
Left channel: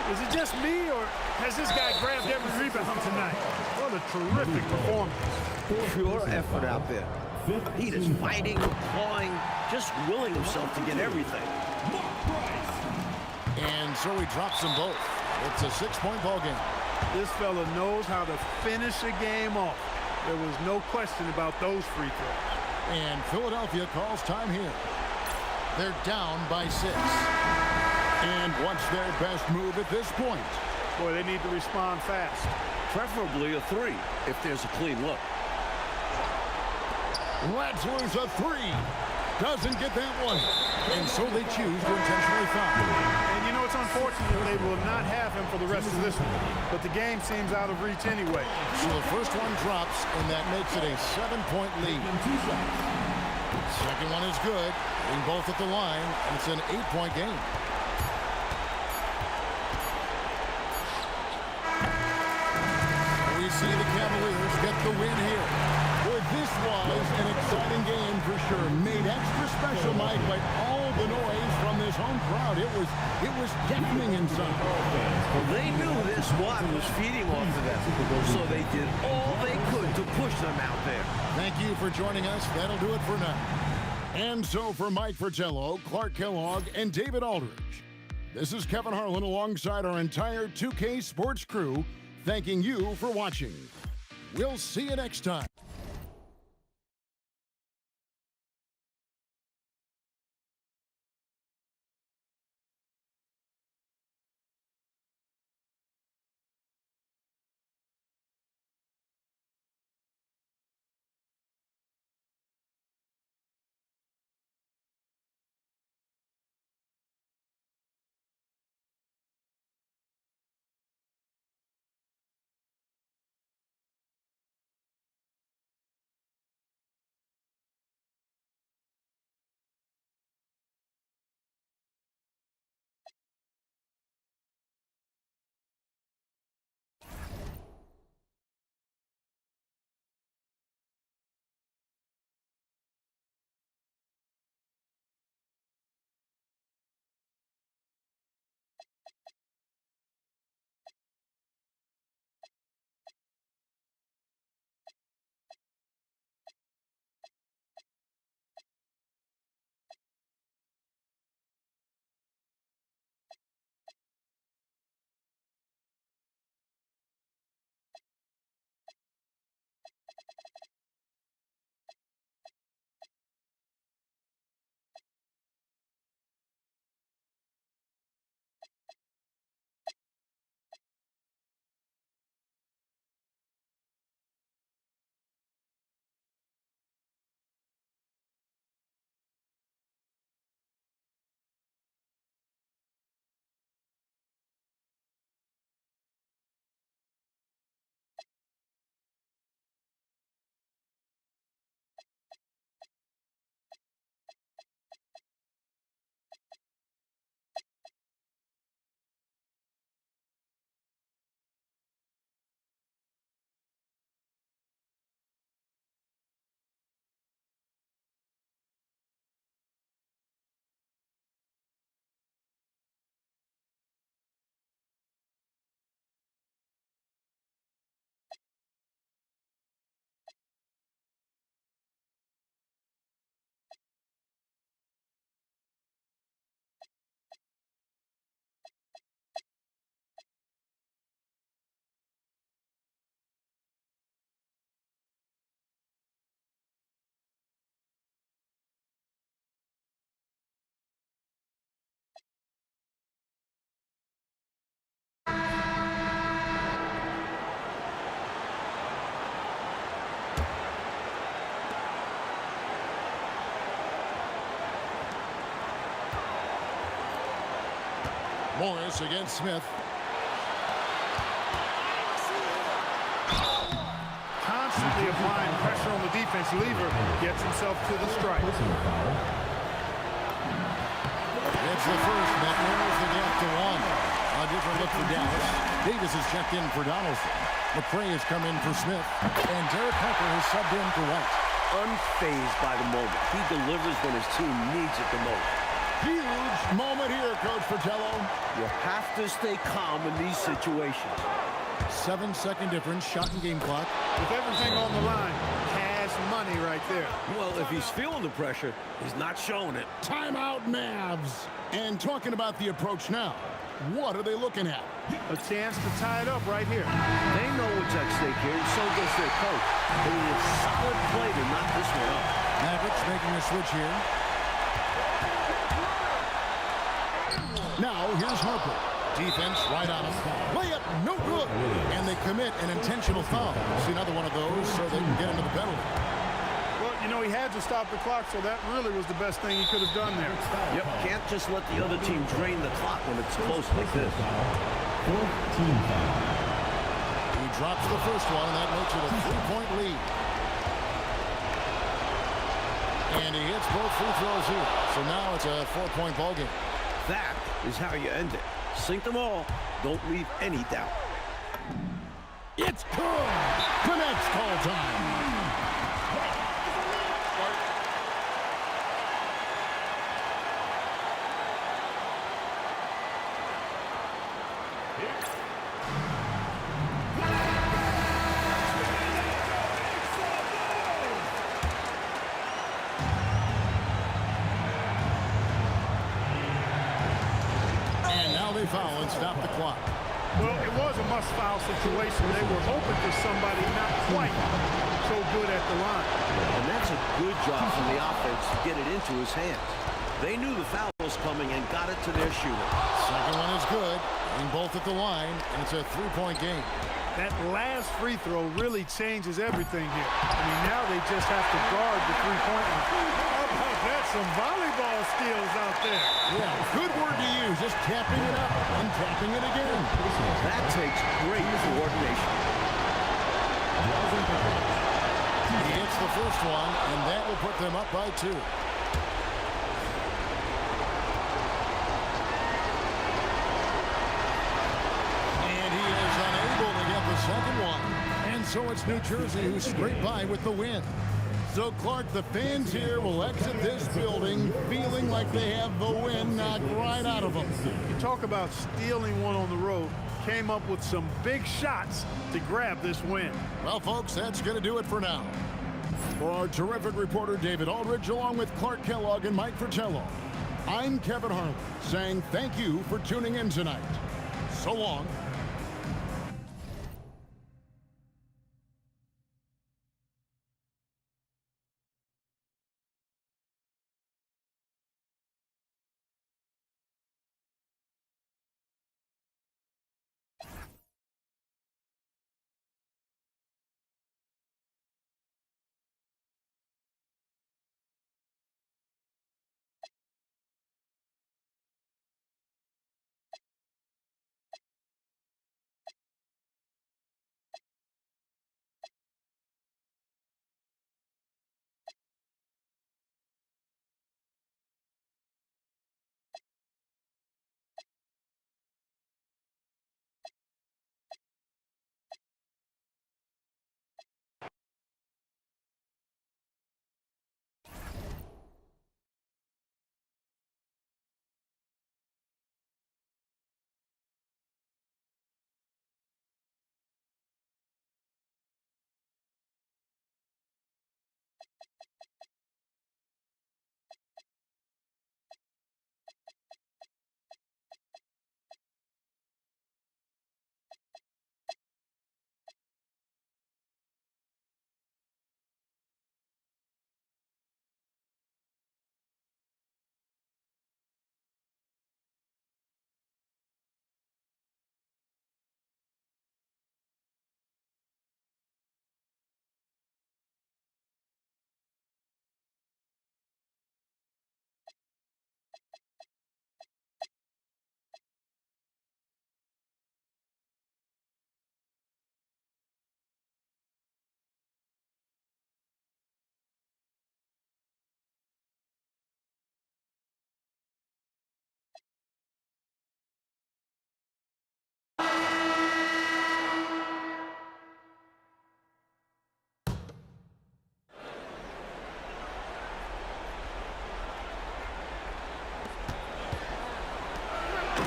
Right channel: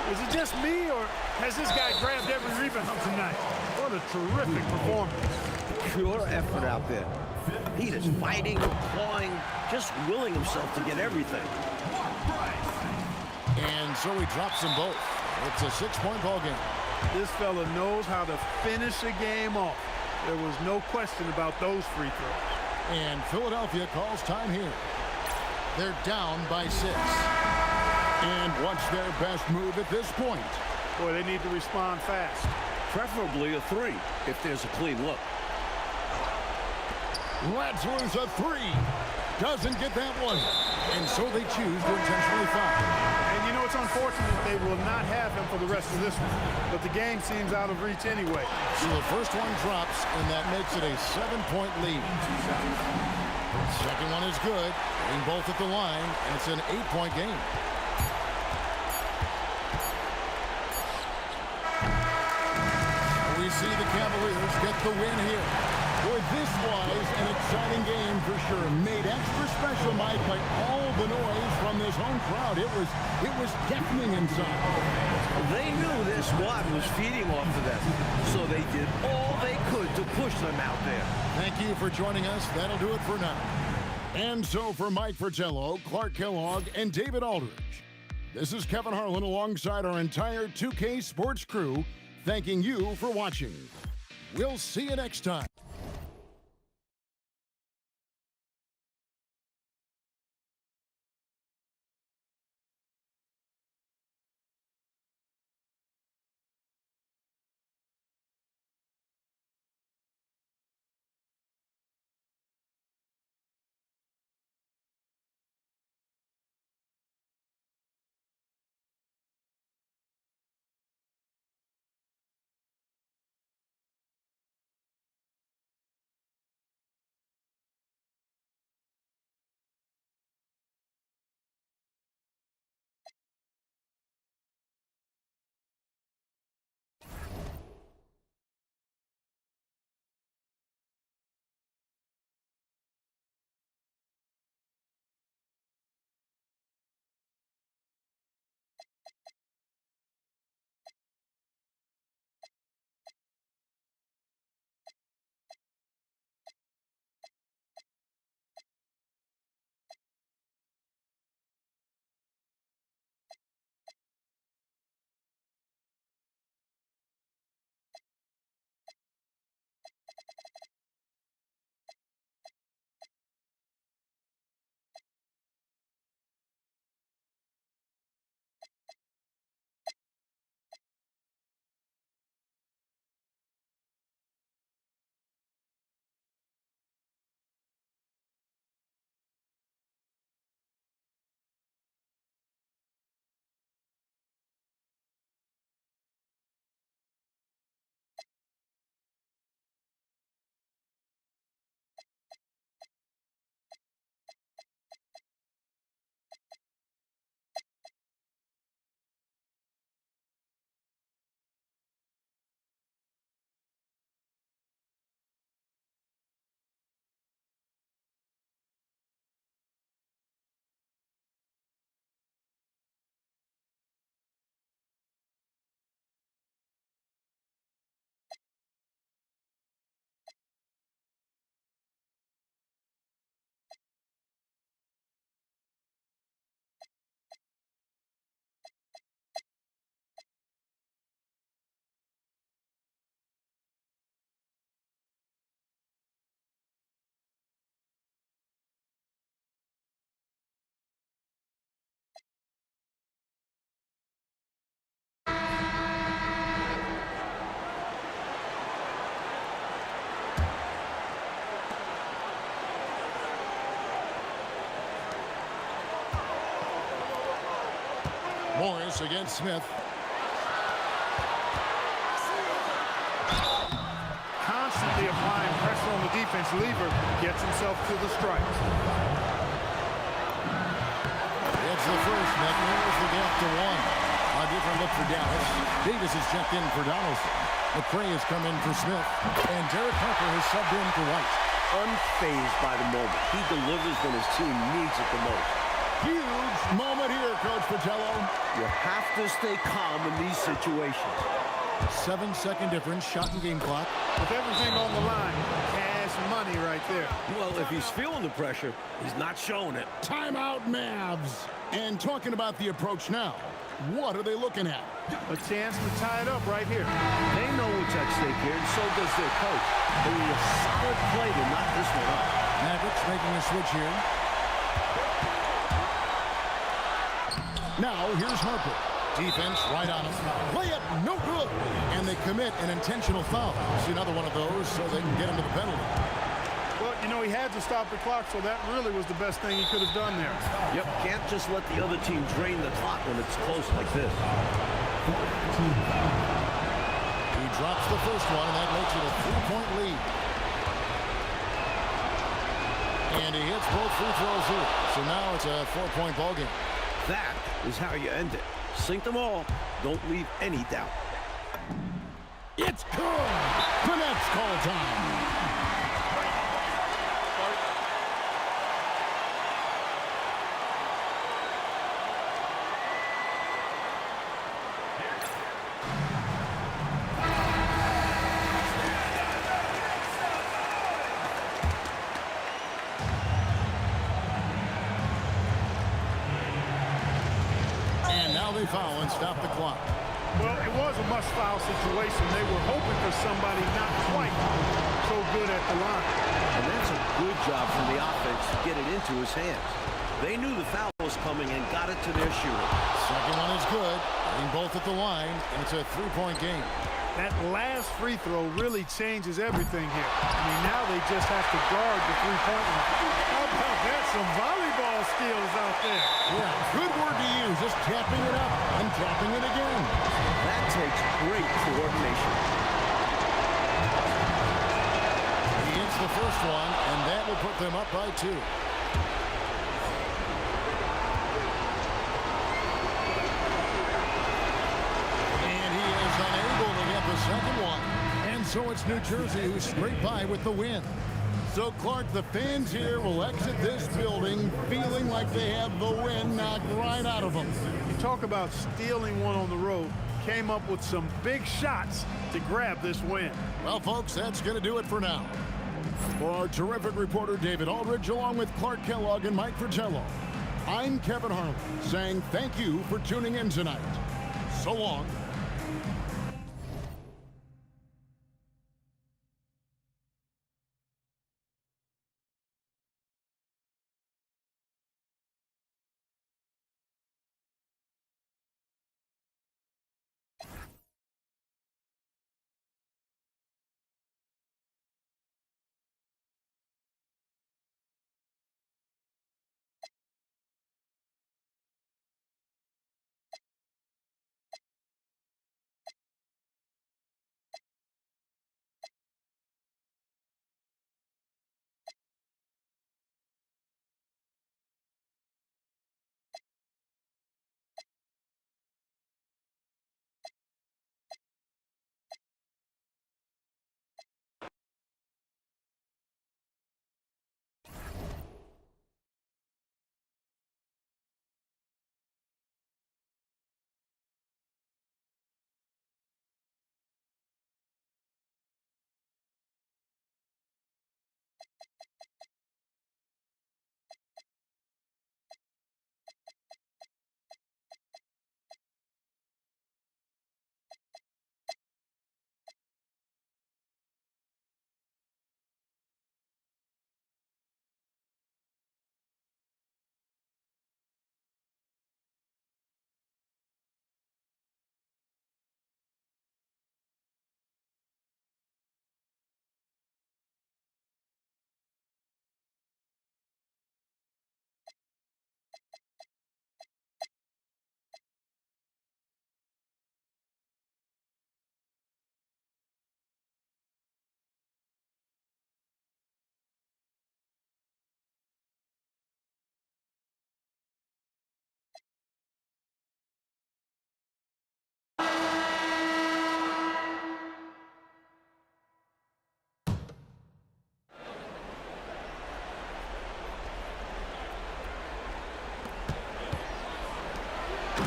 Is it just me, or has this guy grabbed every rebound tonight? What a terrific performance. Pure effort out there. He is fighting, clawing, just willing himself to get everything. And so he drops them both. It's a 6-point ball game. This fella knows how to finish a game off. There was no question about those free throws. And Philadelphia calls time here. They're down by 6. And what's their best move at this point? Boy, they need to respond fast. Preferably a 3, if there's a clean look. Let's lose a 3. Doesn't get that one. And so they choose to intentionally foul. And you know, it's unfortunate they will not have him for the rest of this one. But the game seems out of reach anyway. So the first one drops, and that makes it a 7-point lead. Second one is good. Hitting both at the line, and it's an 8-point game. We see the Cavaliers get the win here. Boy, this was an exciting game for sure. Made extra special, Mike, by all the noise from this home crowd. It was deafening inside. Well, they knew their squad was feeding off of them, so they did all they could to push them out there. Thank you for joining us. That'll do it for now. And so for Mike Fratello, Clark Kellogg, and David Aldridge, this is Kevin Harlan alongside our entire 2K Sports crew, thanking you for watching. We'll see you next time. Morris against Smith. Constantly applying pressure on the defense. Lever gets himself to the strike. It's the first, and that narrows the gap to 1. A different look for Dallas. Davis has checked in for Donaldson. McRae has come in for Smith. And Derek Harper has subbed in for White. Unfazed by the moment. He delivers when his team needs it the most. Huge moment here, Coach Fratello. You have to stay calm in these situations. 7-second difference, shot and game clock. With everything on the line, cash money right there. Well, if he's feeling the pressure, he's not showing it. Timeout, Mavs. And talking about the approach now, what are they looking at? A chance to tie it up right here. They know what's at stake here, and so does their coach. They need a solid play to knock this one up. Mavericks making a switch here. Now, here's Harper. Defense right on him. Layup, no good. And they commit an intentional foul. See another one of those so they can get into the penalty. Well, you know, he had to stop the clock, so that really was the best thing he could have done there. Yep, can't just let the other team drain the clock when it's close like this. 14 foul. He drops the first one, and that makes it a 3-point lead. And he hits both free throws here. So now it's a 4-point ball game. That is how you end it. Sink them all. Don't leave any doubt. It's good. The Nets call time. And now they foul and stop the clock. Well, it was a must-foul situation. They were hoping for somebody not quite so good at the line. And that's a good job from the offense to get it into his hands. They knew the foul was coming and got it to their shooter. Second one is good. Getting both at the line, and it's a 3-point game. That last free throw really changes everything here. I mean, now they just have to guard the three-point line. How about that? Some volleyball skills out there. Yeah, good word to use. Just tapping it up and tapping it again. That takes great coordination. He hits the first one, and that will put them up by 2. And he is unable to get the second one. And so it's New Jersey who scraped by with the win. So, Clark, the fans here will exit this building feeling like they have the win knocked right out of them. You talk about stealing one on the road. Came up with some big shots to grab this win. Well, folks, that's going to do it for now. For our terrific reporter, David Aldridge, along with Clark Kellogg and Mike Fratello, I'm Kevin Harlan, saying thank you for tuning in tonight. So long.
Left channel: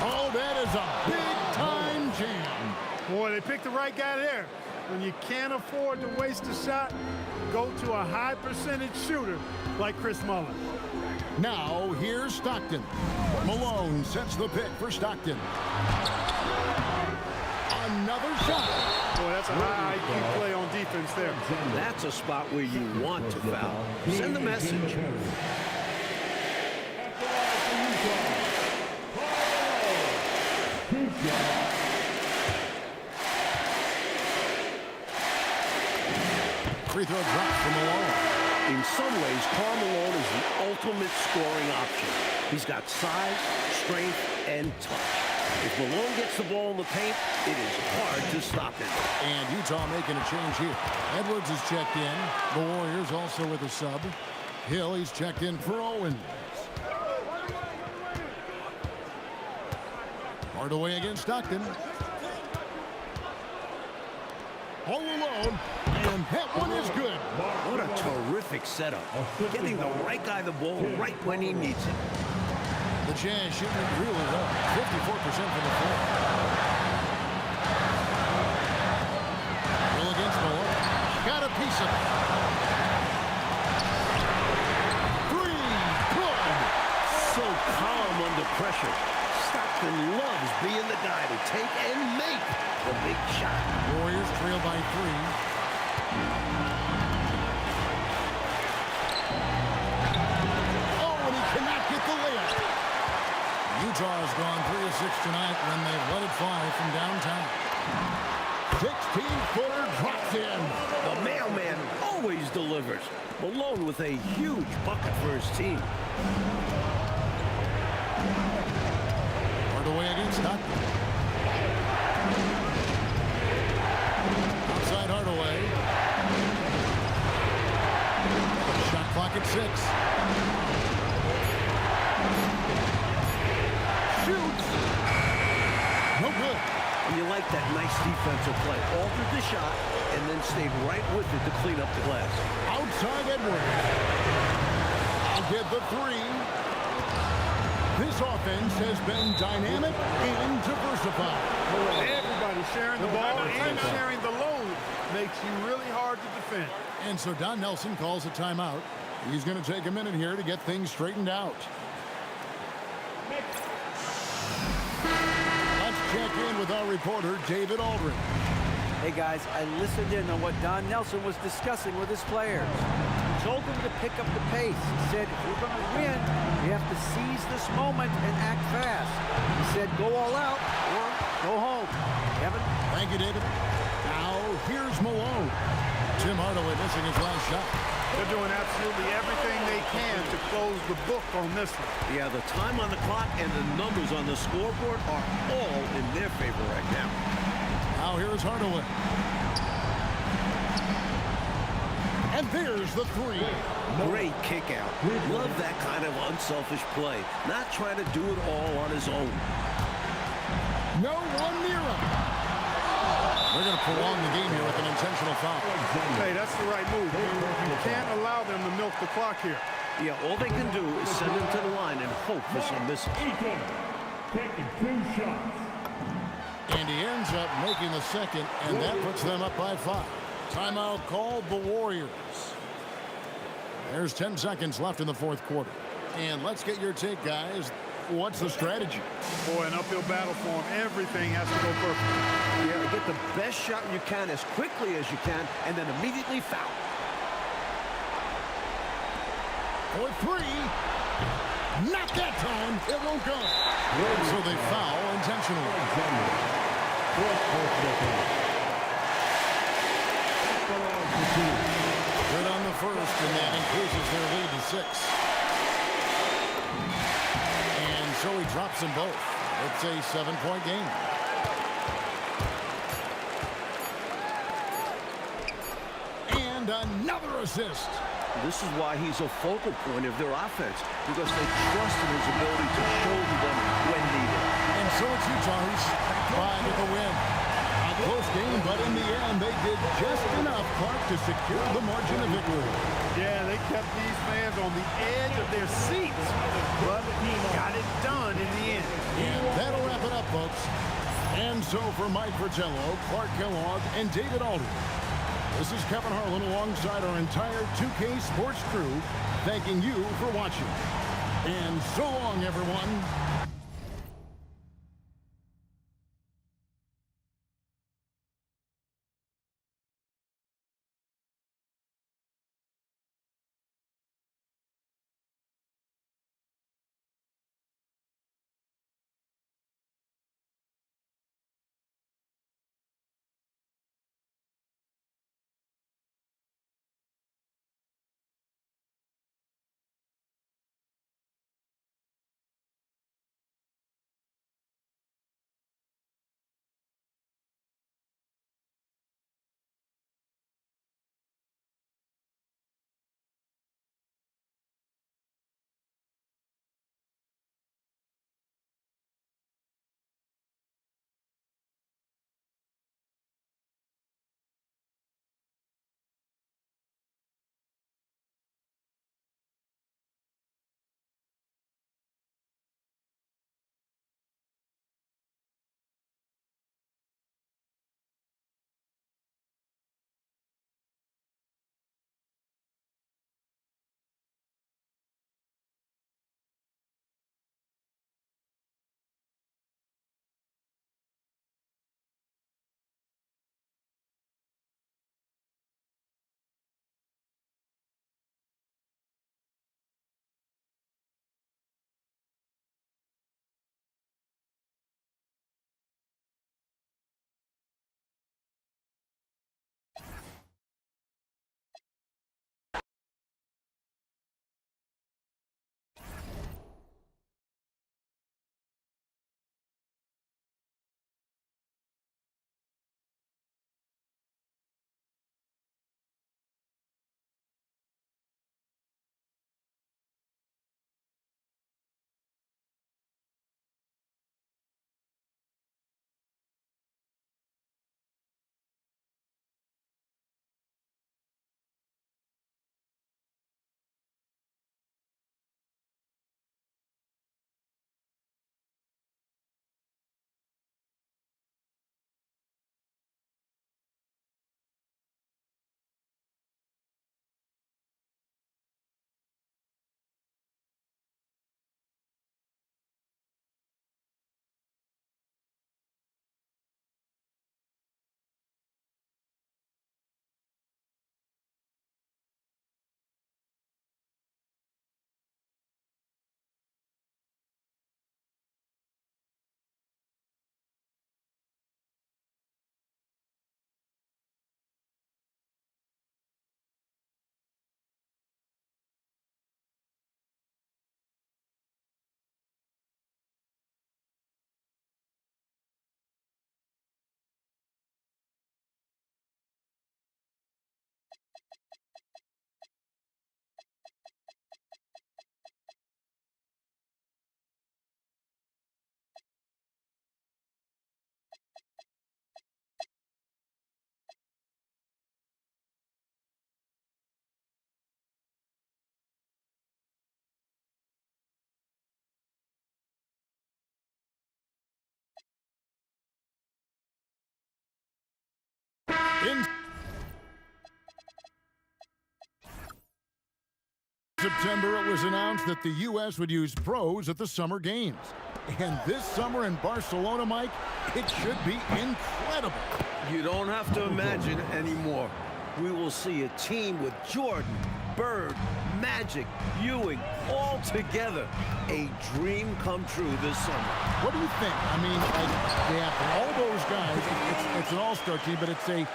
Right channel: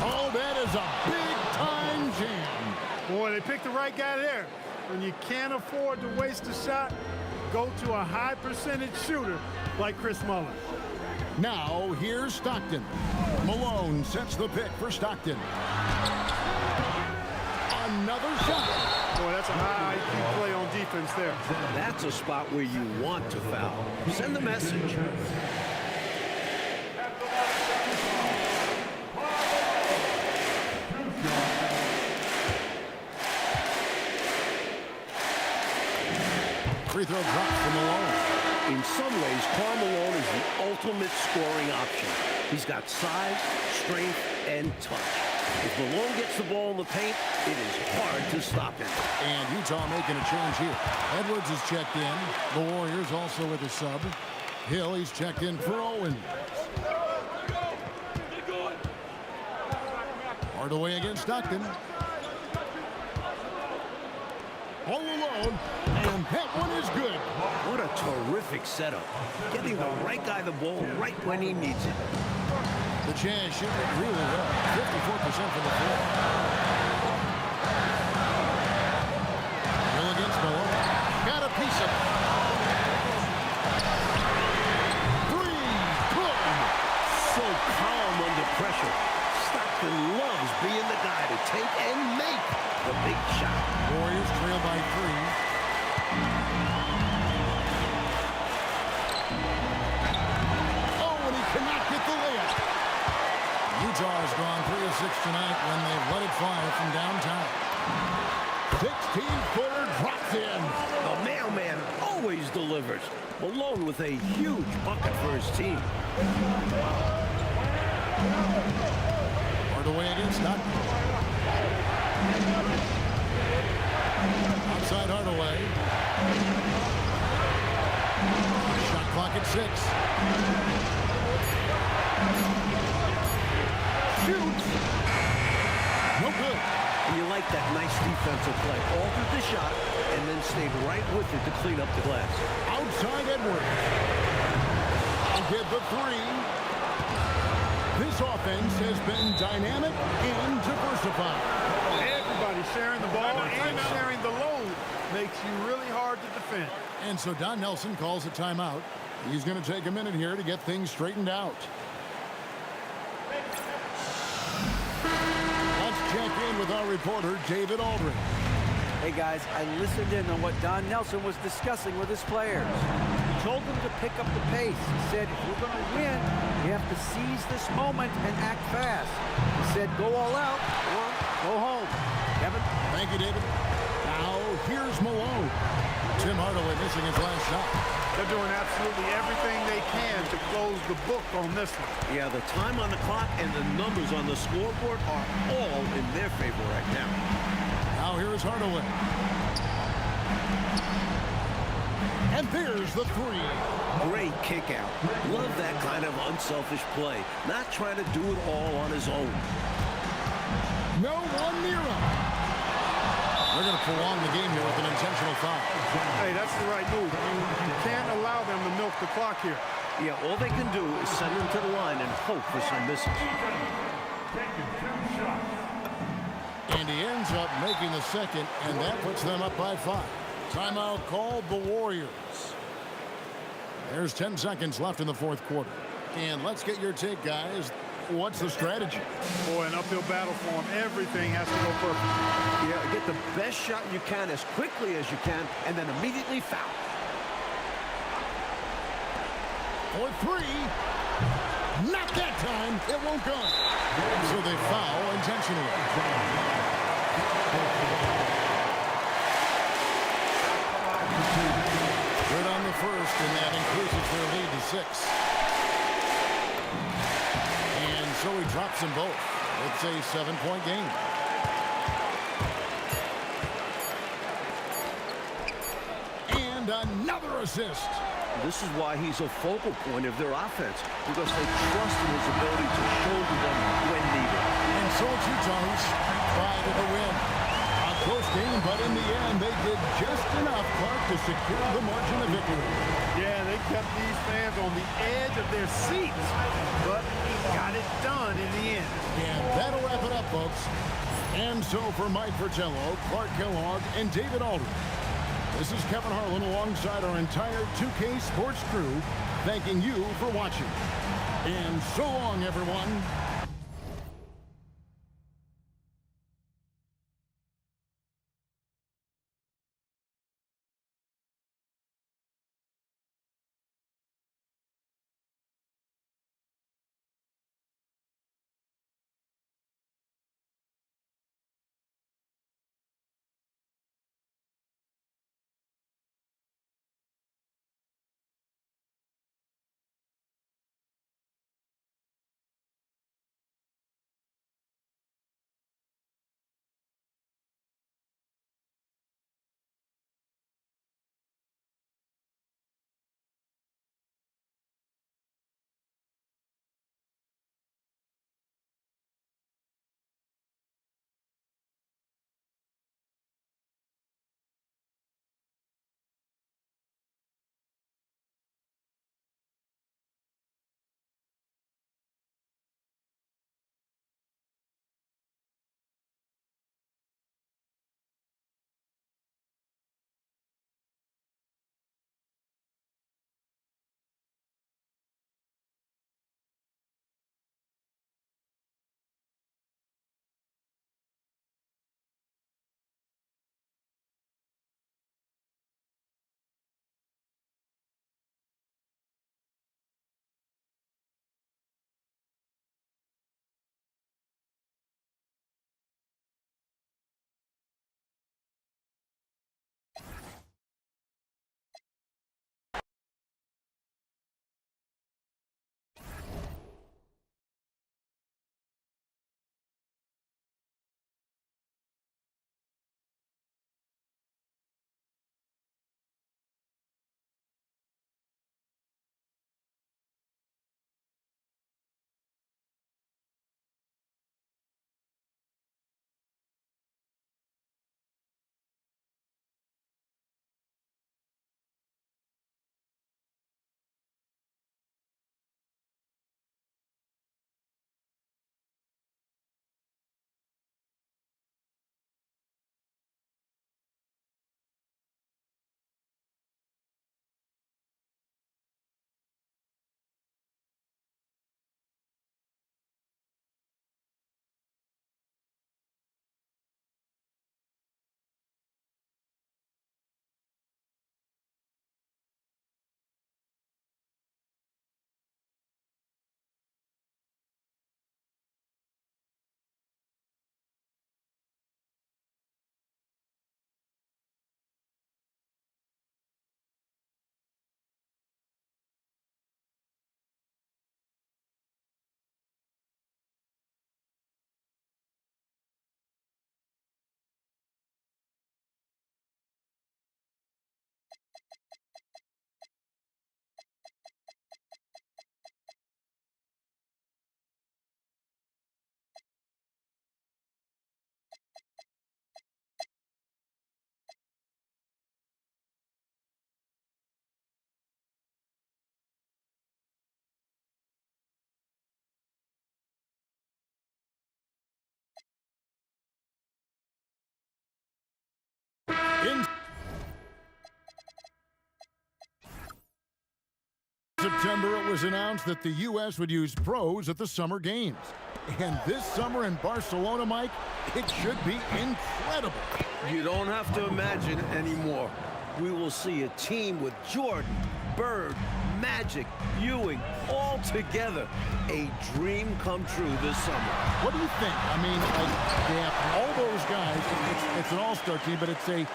Oh, that is a big-time jam. Boy, they picked the right guy there. When you can't afford to waste a shot, go to a high-percentage shooter like Chris Mullin. Now, here's Stockton. Malone sets the pick for Stockton. Another shot. Boy, that's a high IQ play on defense there. That's a spot where you want to foul. Send the message. Free throw drops from Malone. In some ways, Karl Malone is the ultimate scoring option. He's got size, strength, and touch. If Malone gets the ball in the paint, it is hard to stop him. And Utah making a change here. Edwards is checked in. The Warriors also with a sub. Hill, he's checked in for Owens. Hardaway against Stockton. All alone, and that one is good. What a terrific setup. Getting the right guy the ball right when he needs it. The Jazz shooting it really well. 54% from the floor. Hill against Malone. Got a piece of it. Three, good. So calm under pressure. Stockton loves being the guy to take and make the big shot. Warriors trail by 3. Oh, and he cannot get the layup. Utah has gone 3 of 6 tonight when they've let it fly from downtown. 16-footer drops in. The mailman always delivers. Malone with a huge bucket for his team. Hardaway against Stockton. Outside Hardaway. Shot clock at 6. Shoots. No good. And you like that nice defensive play. Altered the shot and then stayed right with it to clean up the glass. Outside Edwards. I'll get the 3. This offense has been dynamic and diversified. Everybody sharing the ball and sharing the load makes you really hard to defend. And so Don Nelson calls a timeout. He's going to take a minute here to get things straightened out. Let's check in with our reporter, David Aldridge. Hey, guys, I listened in on what Don Nelson was discussing with his players. He told them to pick up the pace. He said, if we're going to win, we have to seize this moment and act fast. He said, go all out or go home. Kevin? Thank you, David. Now, here's Malone. Tim Hardaway missing his last shot. They're doing absolutely everything they can to close the book on this one. Yeah, the time on the clock and the numbers on the scoreboard are all in their favor right now. Now here's Hardaway. And there's the 3. Great kick out. Love that kind of unselfish play. Not trying to do it all on his own. No one near him. They're going to prolong the game here with an intentional foul. Hey, that's the right move. You can't allow them to milk the clock here. Yeah, all they can do is send him to the line and hope for some misses. Taking 2 shots. And he ends up making the second, and that puts them up by 5. Timeout called the Warriors. There's 10 seconds left in the fourth quarter. And let's get your take, guys. What's the strategy? Boy, an uphill battle for them. Everything has to go perfect. Yeah, get the best shot you can as quickly as you can, and then immediately foul. For 3. Not that time. It won't go. And so they foul intentionally. Good on the first, and that increases their lead to 6. And so he drops them both. It's a 7-point game. And another assist. This is why he's a focal point of their offense, because they trust in his ability to shoulder them when needed. And so it's Utah who scraped by with a win. A close game, but in the end, they did just enough, Clark, to secure the margin of victory. Yeah, they kept these fans on the edge of their seats, but got it done in the end. And that'll wrap it up, folks. And so for Mike Fratello, Clark Kellogg, and David Aldridge, this is Kevin Harlan alongside our entire 2K Sports crew, thanking you for watching. And so long, everyone. In September, it was announced that the U.S. would use pros at the Summer Games. And this summer in Barcelona, Mike, it should be incredible. You don't have to imagine anymore. We will see a team with Jordan, Bird, Magic, Ewing, all together. A dream come true this summer. What do you think? I mean, like, they have all those guys. It's an all-star team, but it's a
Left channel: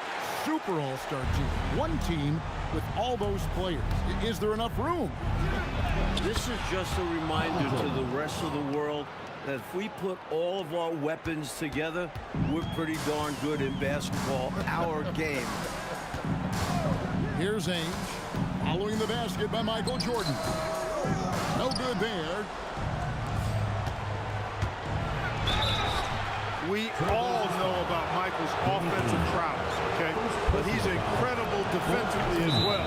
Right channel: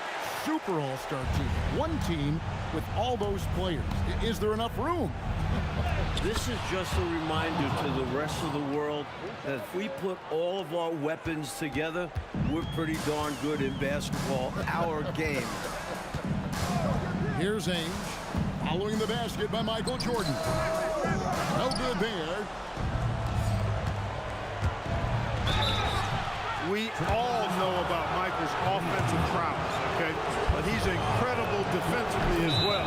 super all-star team. One team with all those players. Is there enough room? This is just a reminder to the rest of the world that if we put all of our weapons together, we're pretty darn good in basketball, our game. Here's Ainge, following the basket by Michael Jordan. No good there. We all know about Michael's offensive prowess, okay? But he's incredible defensively as well.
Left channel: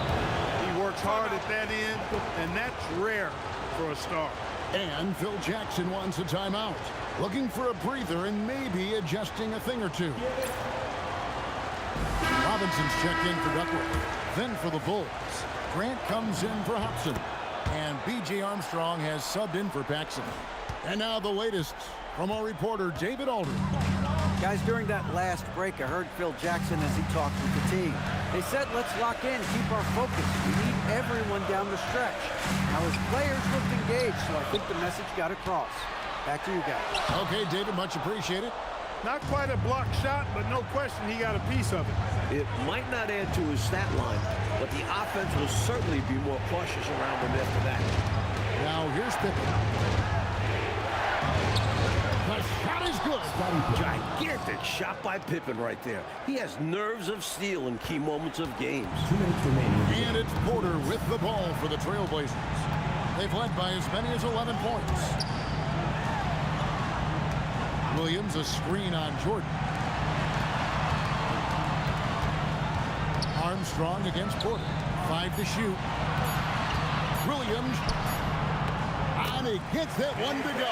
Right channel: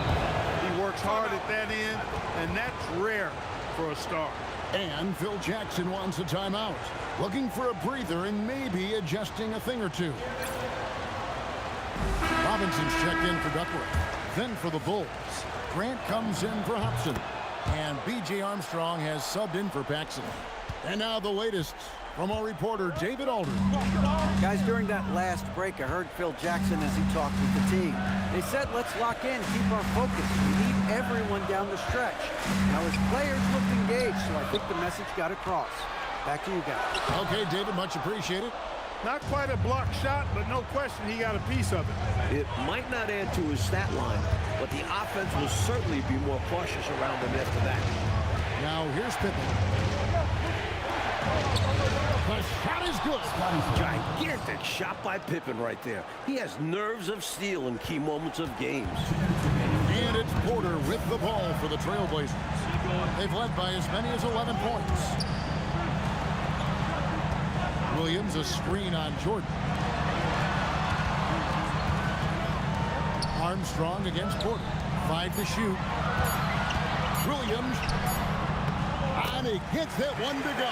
He works hard at that end, and that's rare for a star. And Phil Jackson wants a timeout, looking for a breather and maybe adjusting a thing or two. Robinson's checked in for Duckworth. Then for the Bulls, Grant comes in for Hobson. And B.J. Armstrong has subbed in for Paxson. And now the latest from our reporter, David Aldridge. Guys, during that last break, I heard Phil Jackson as he talked with the team. They said, let's lock in, keep our focus. We need everyone down the stretch. Now, his players looked engaged, so I think the message got across. Back to you guys. Okay, David, much appreciated. Not quite a block shot, but no question he got a piece of it. It might not add to his stat line, but the offense will certainly be more cautious around him after that. Now, here's Pippen. The shot is good. Gigantic shot by Pippen right there. He has nerves of steel in key moments of games. And it's Porter with the ball for the Trailblazers. They've led by as many as 11 points. Williams, a screen on Jordan. Armstrong against Porter. 5 to shoot. Williams. And he gets that one to go.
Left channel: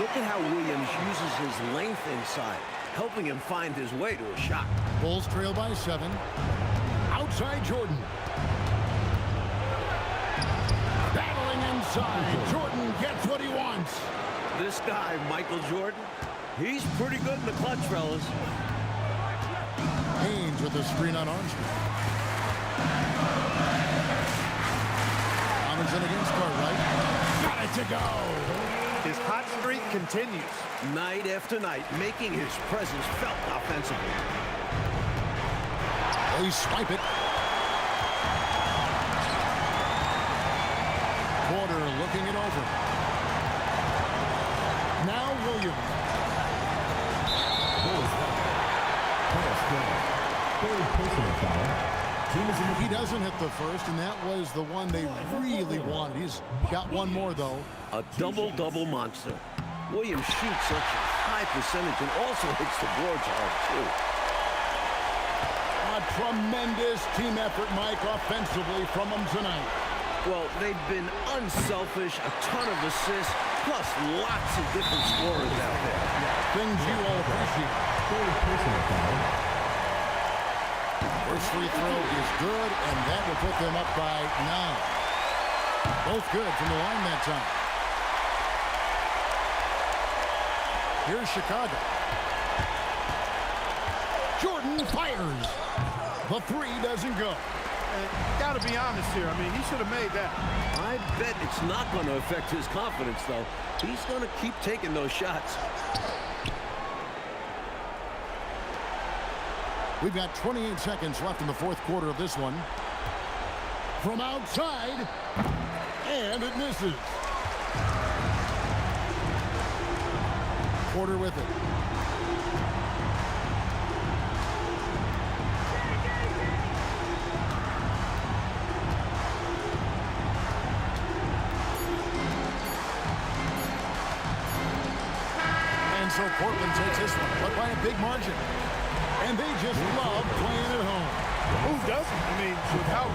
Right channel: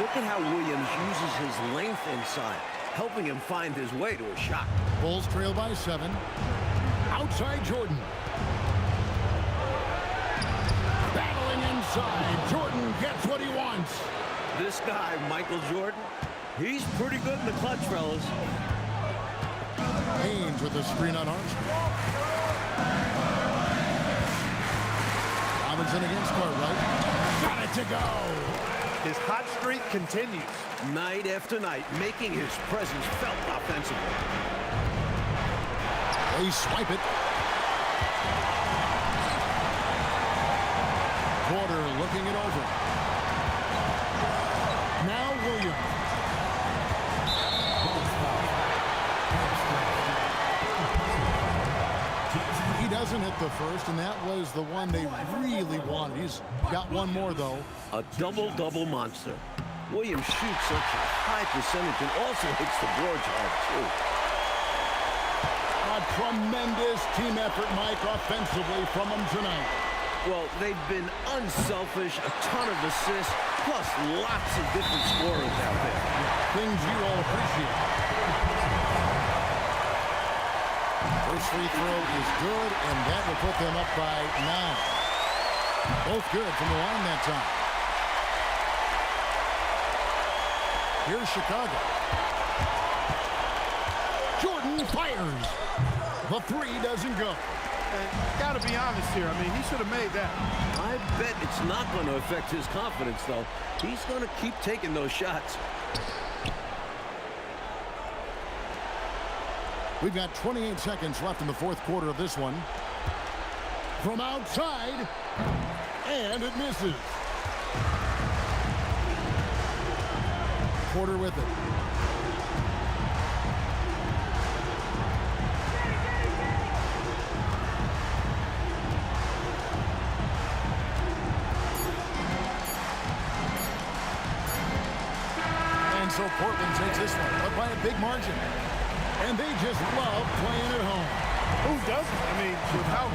Look at how Williams uses his length inside, helping him find his way to a shot. Bulls trail by 7. Outside Jordan. Battling inside. Jordan gets what he wants. This guy, Michael Jordan, he's pretty good in the clutch, fellas. Haynes with a screen on Armstrong. Robinson against Cartwright. Got it to go. His hot streak continues. Night after night, making his presence felt offensively. They swipe it. Porter looking it over. Now Williams. He doesn't hit the first, and that was the one they really wanted. He's got one more, though. A double-double monster. Williams shoots such a high percentage and also hits the boards hard, too. A tremendous team effort, Mike, offensively from them tonight. Well, they've been unselfish, a ton of assists, plus lots of different scorers out there. Yeah, things you all appreciate. First free throw is good, and that will put them up by 9. Both good from the line that time. Here's Chicago. Jordan fires. The 3 doesn't go. And got to be honest here. I mean, he should have made that. I bet it's not going to affect his confidence, though. He's going to keep taking those shots. We've got 28 seconds left in the fourth quarter of this one. From outside, and it misses. Porter with it. And so Portland takes this one, but by a big margin. And they just love playing at home. Who doesn't? I mean, with how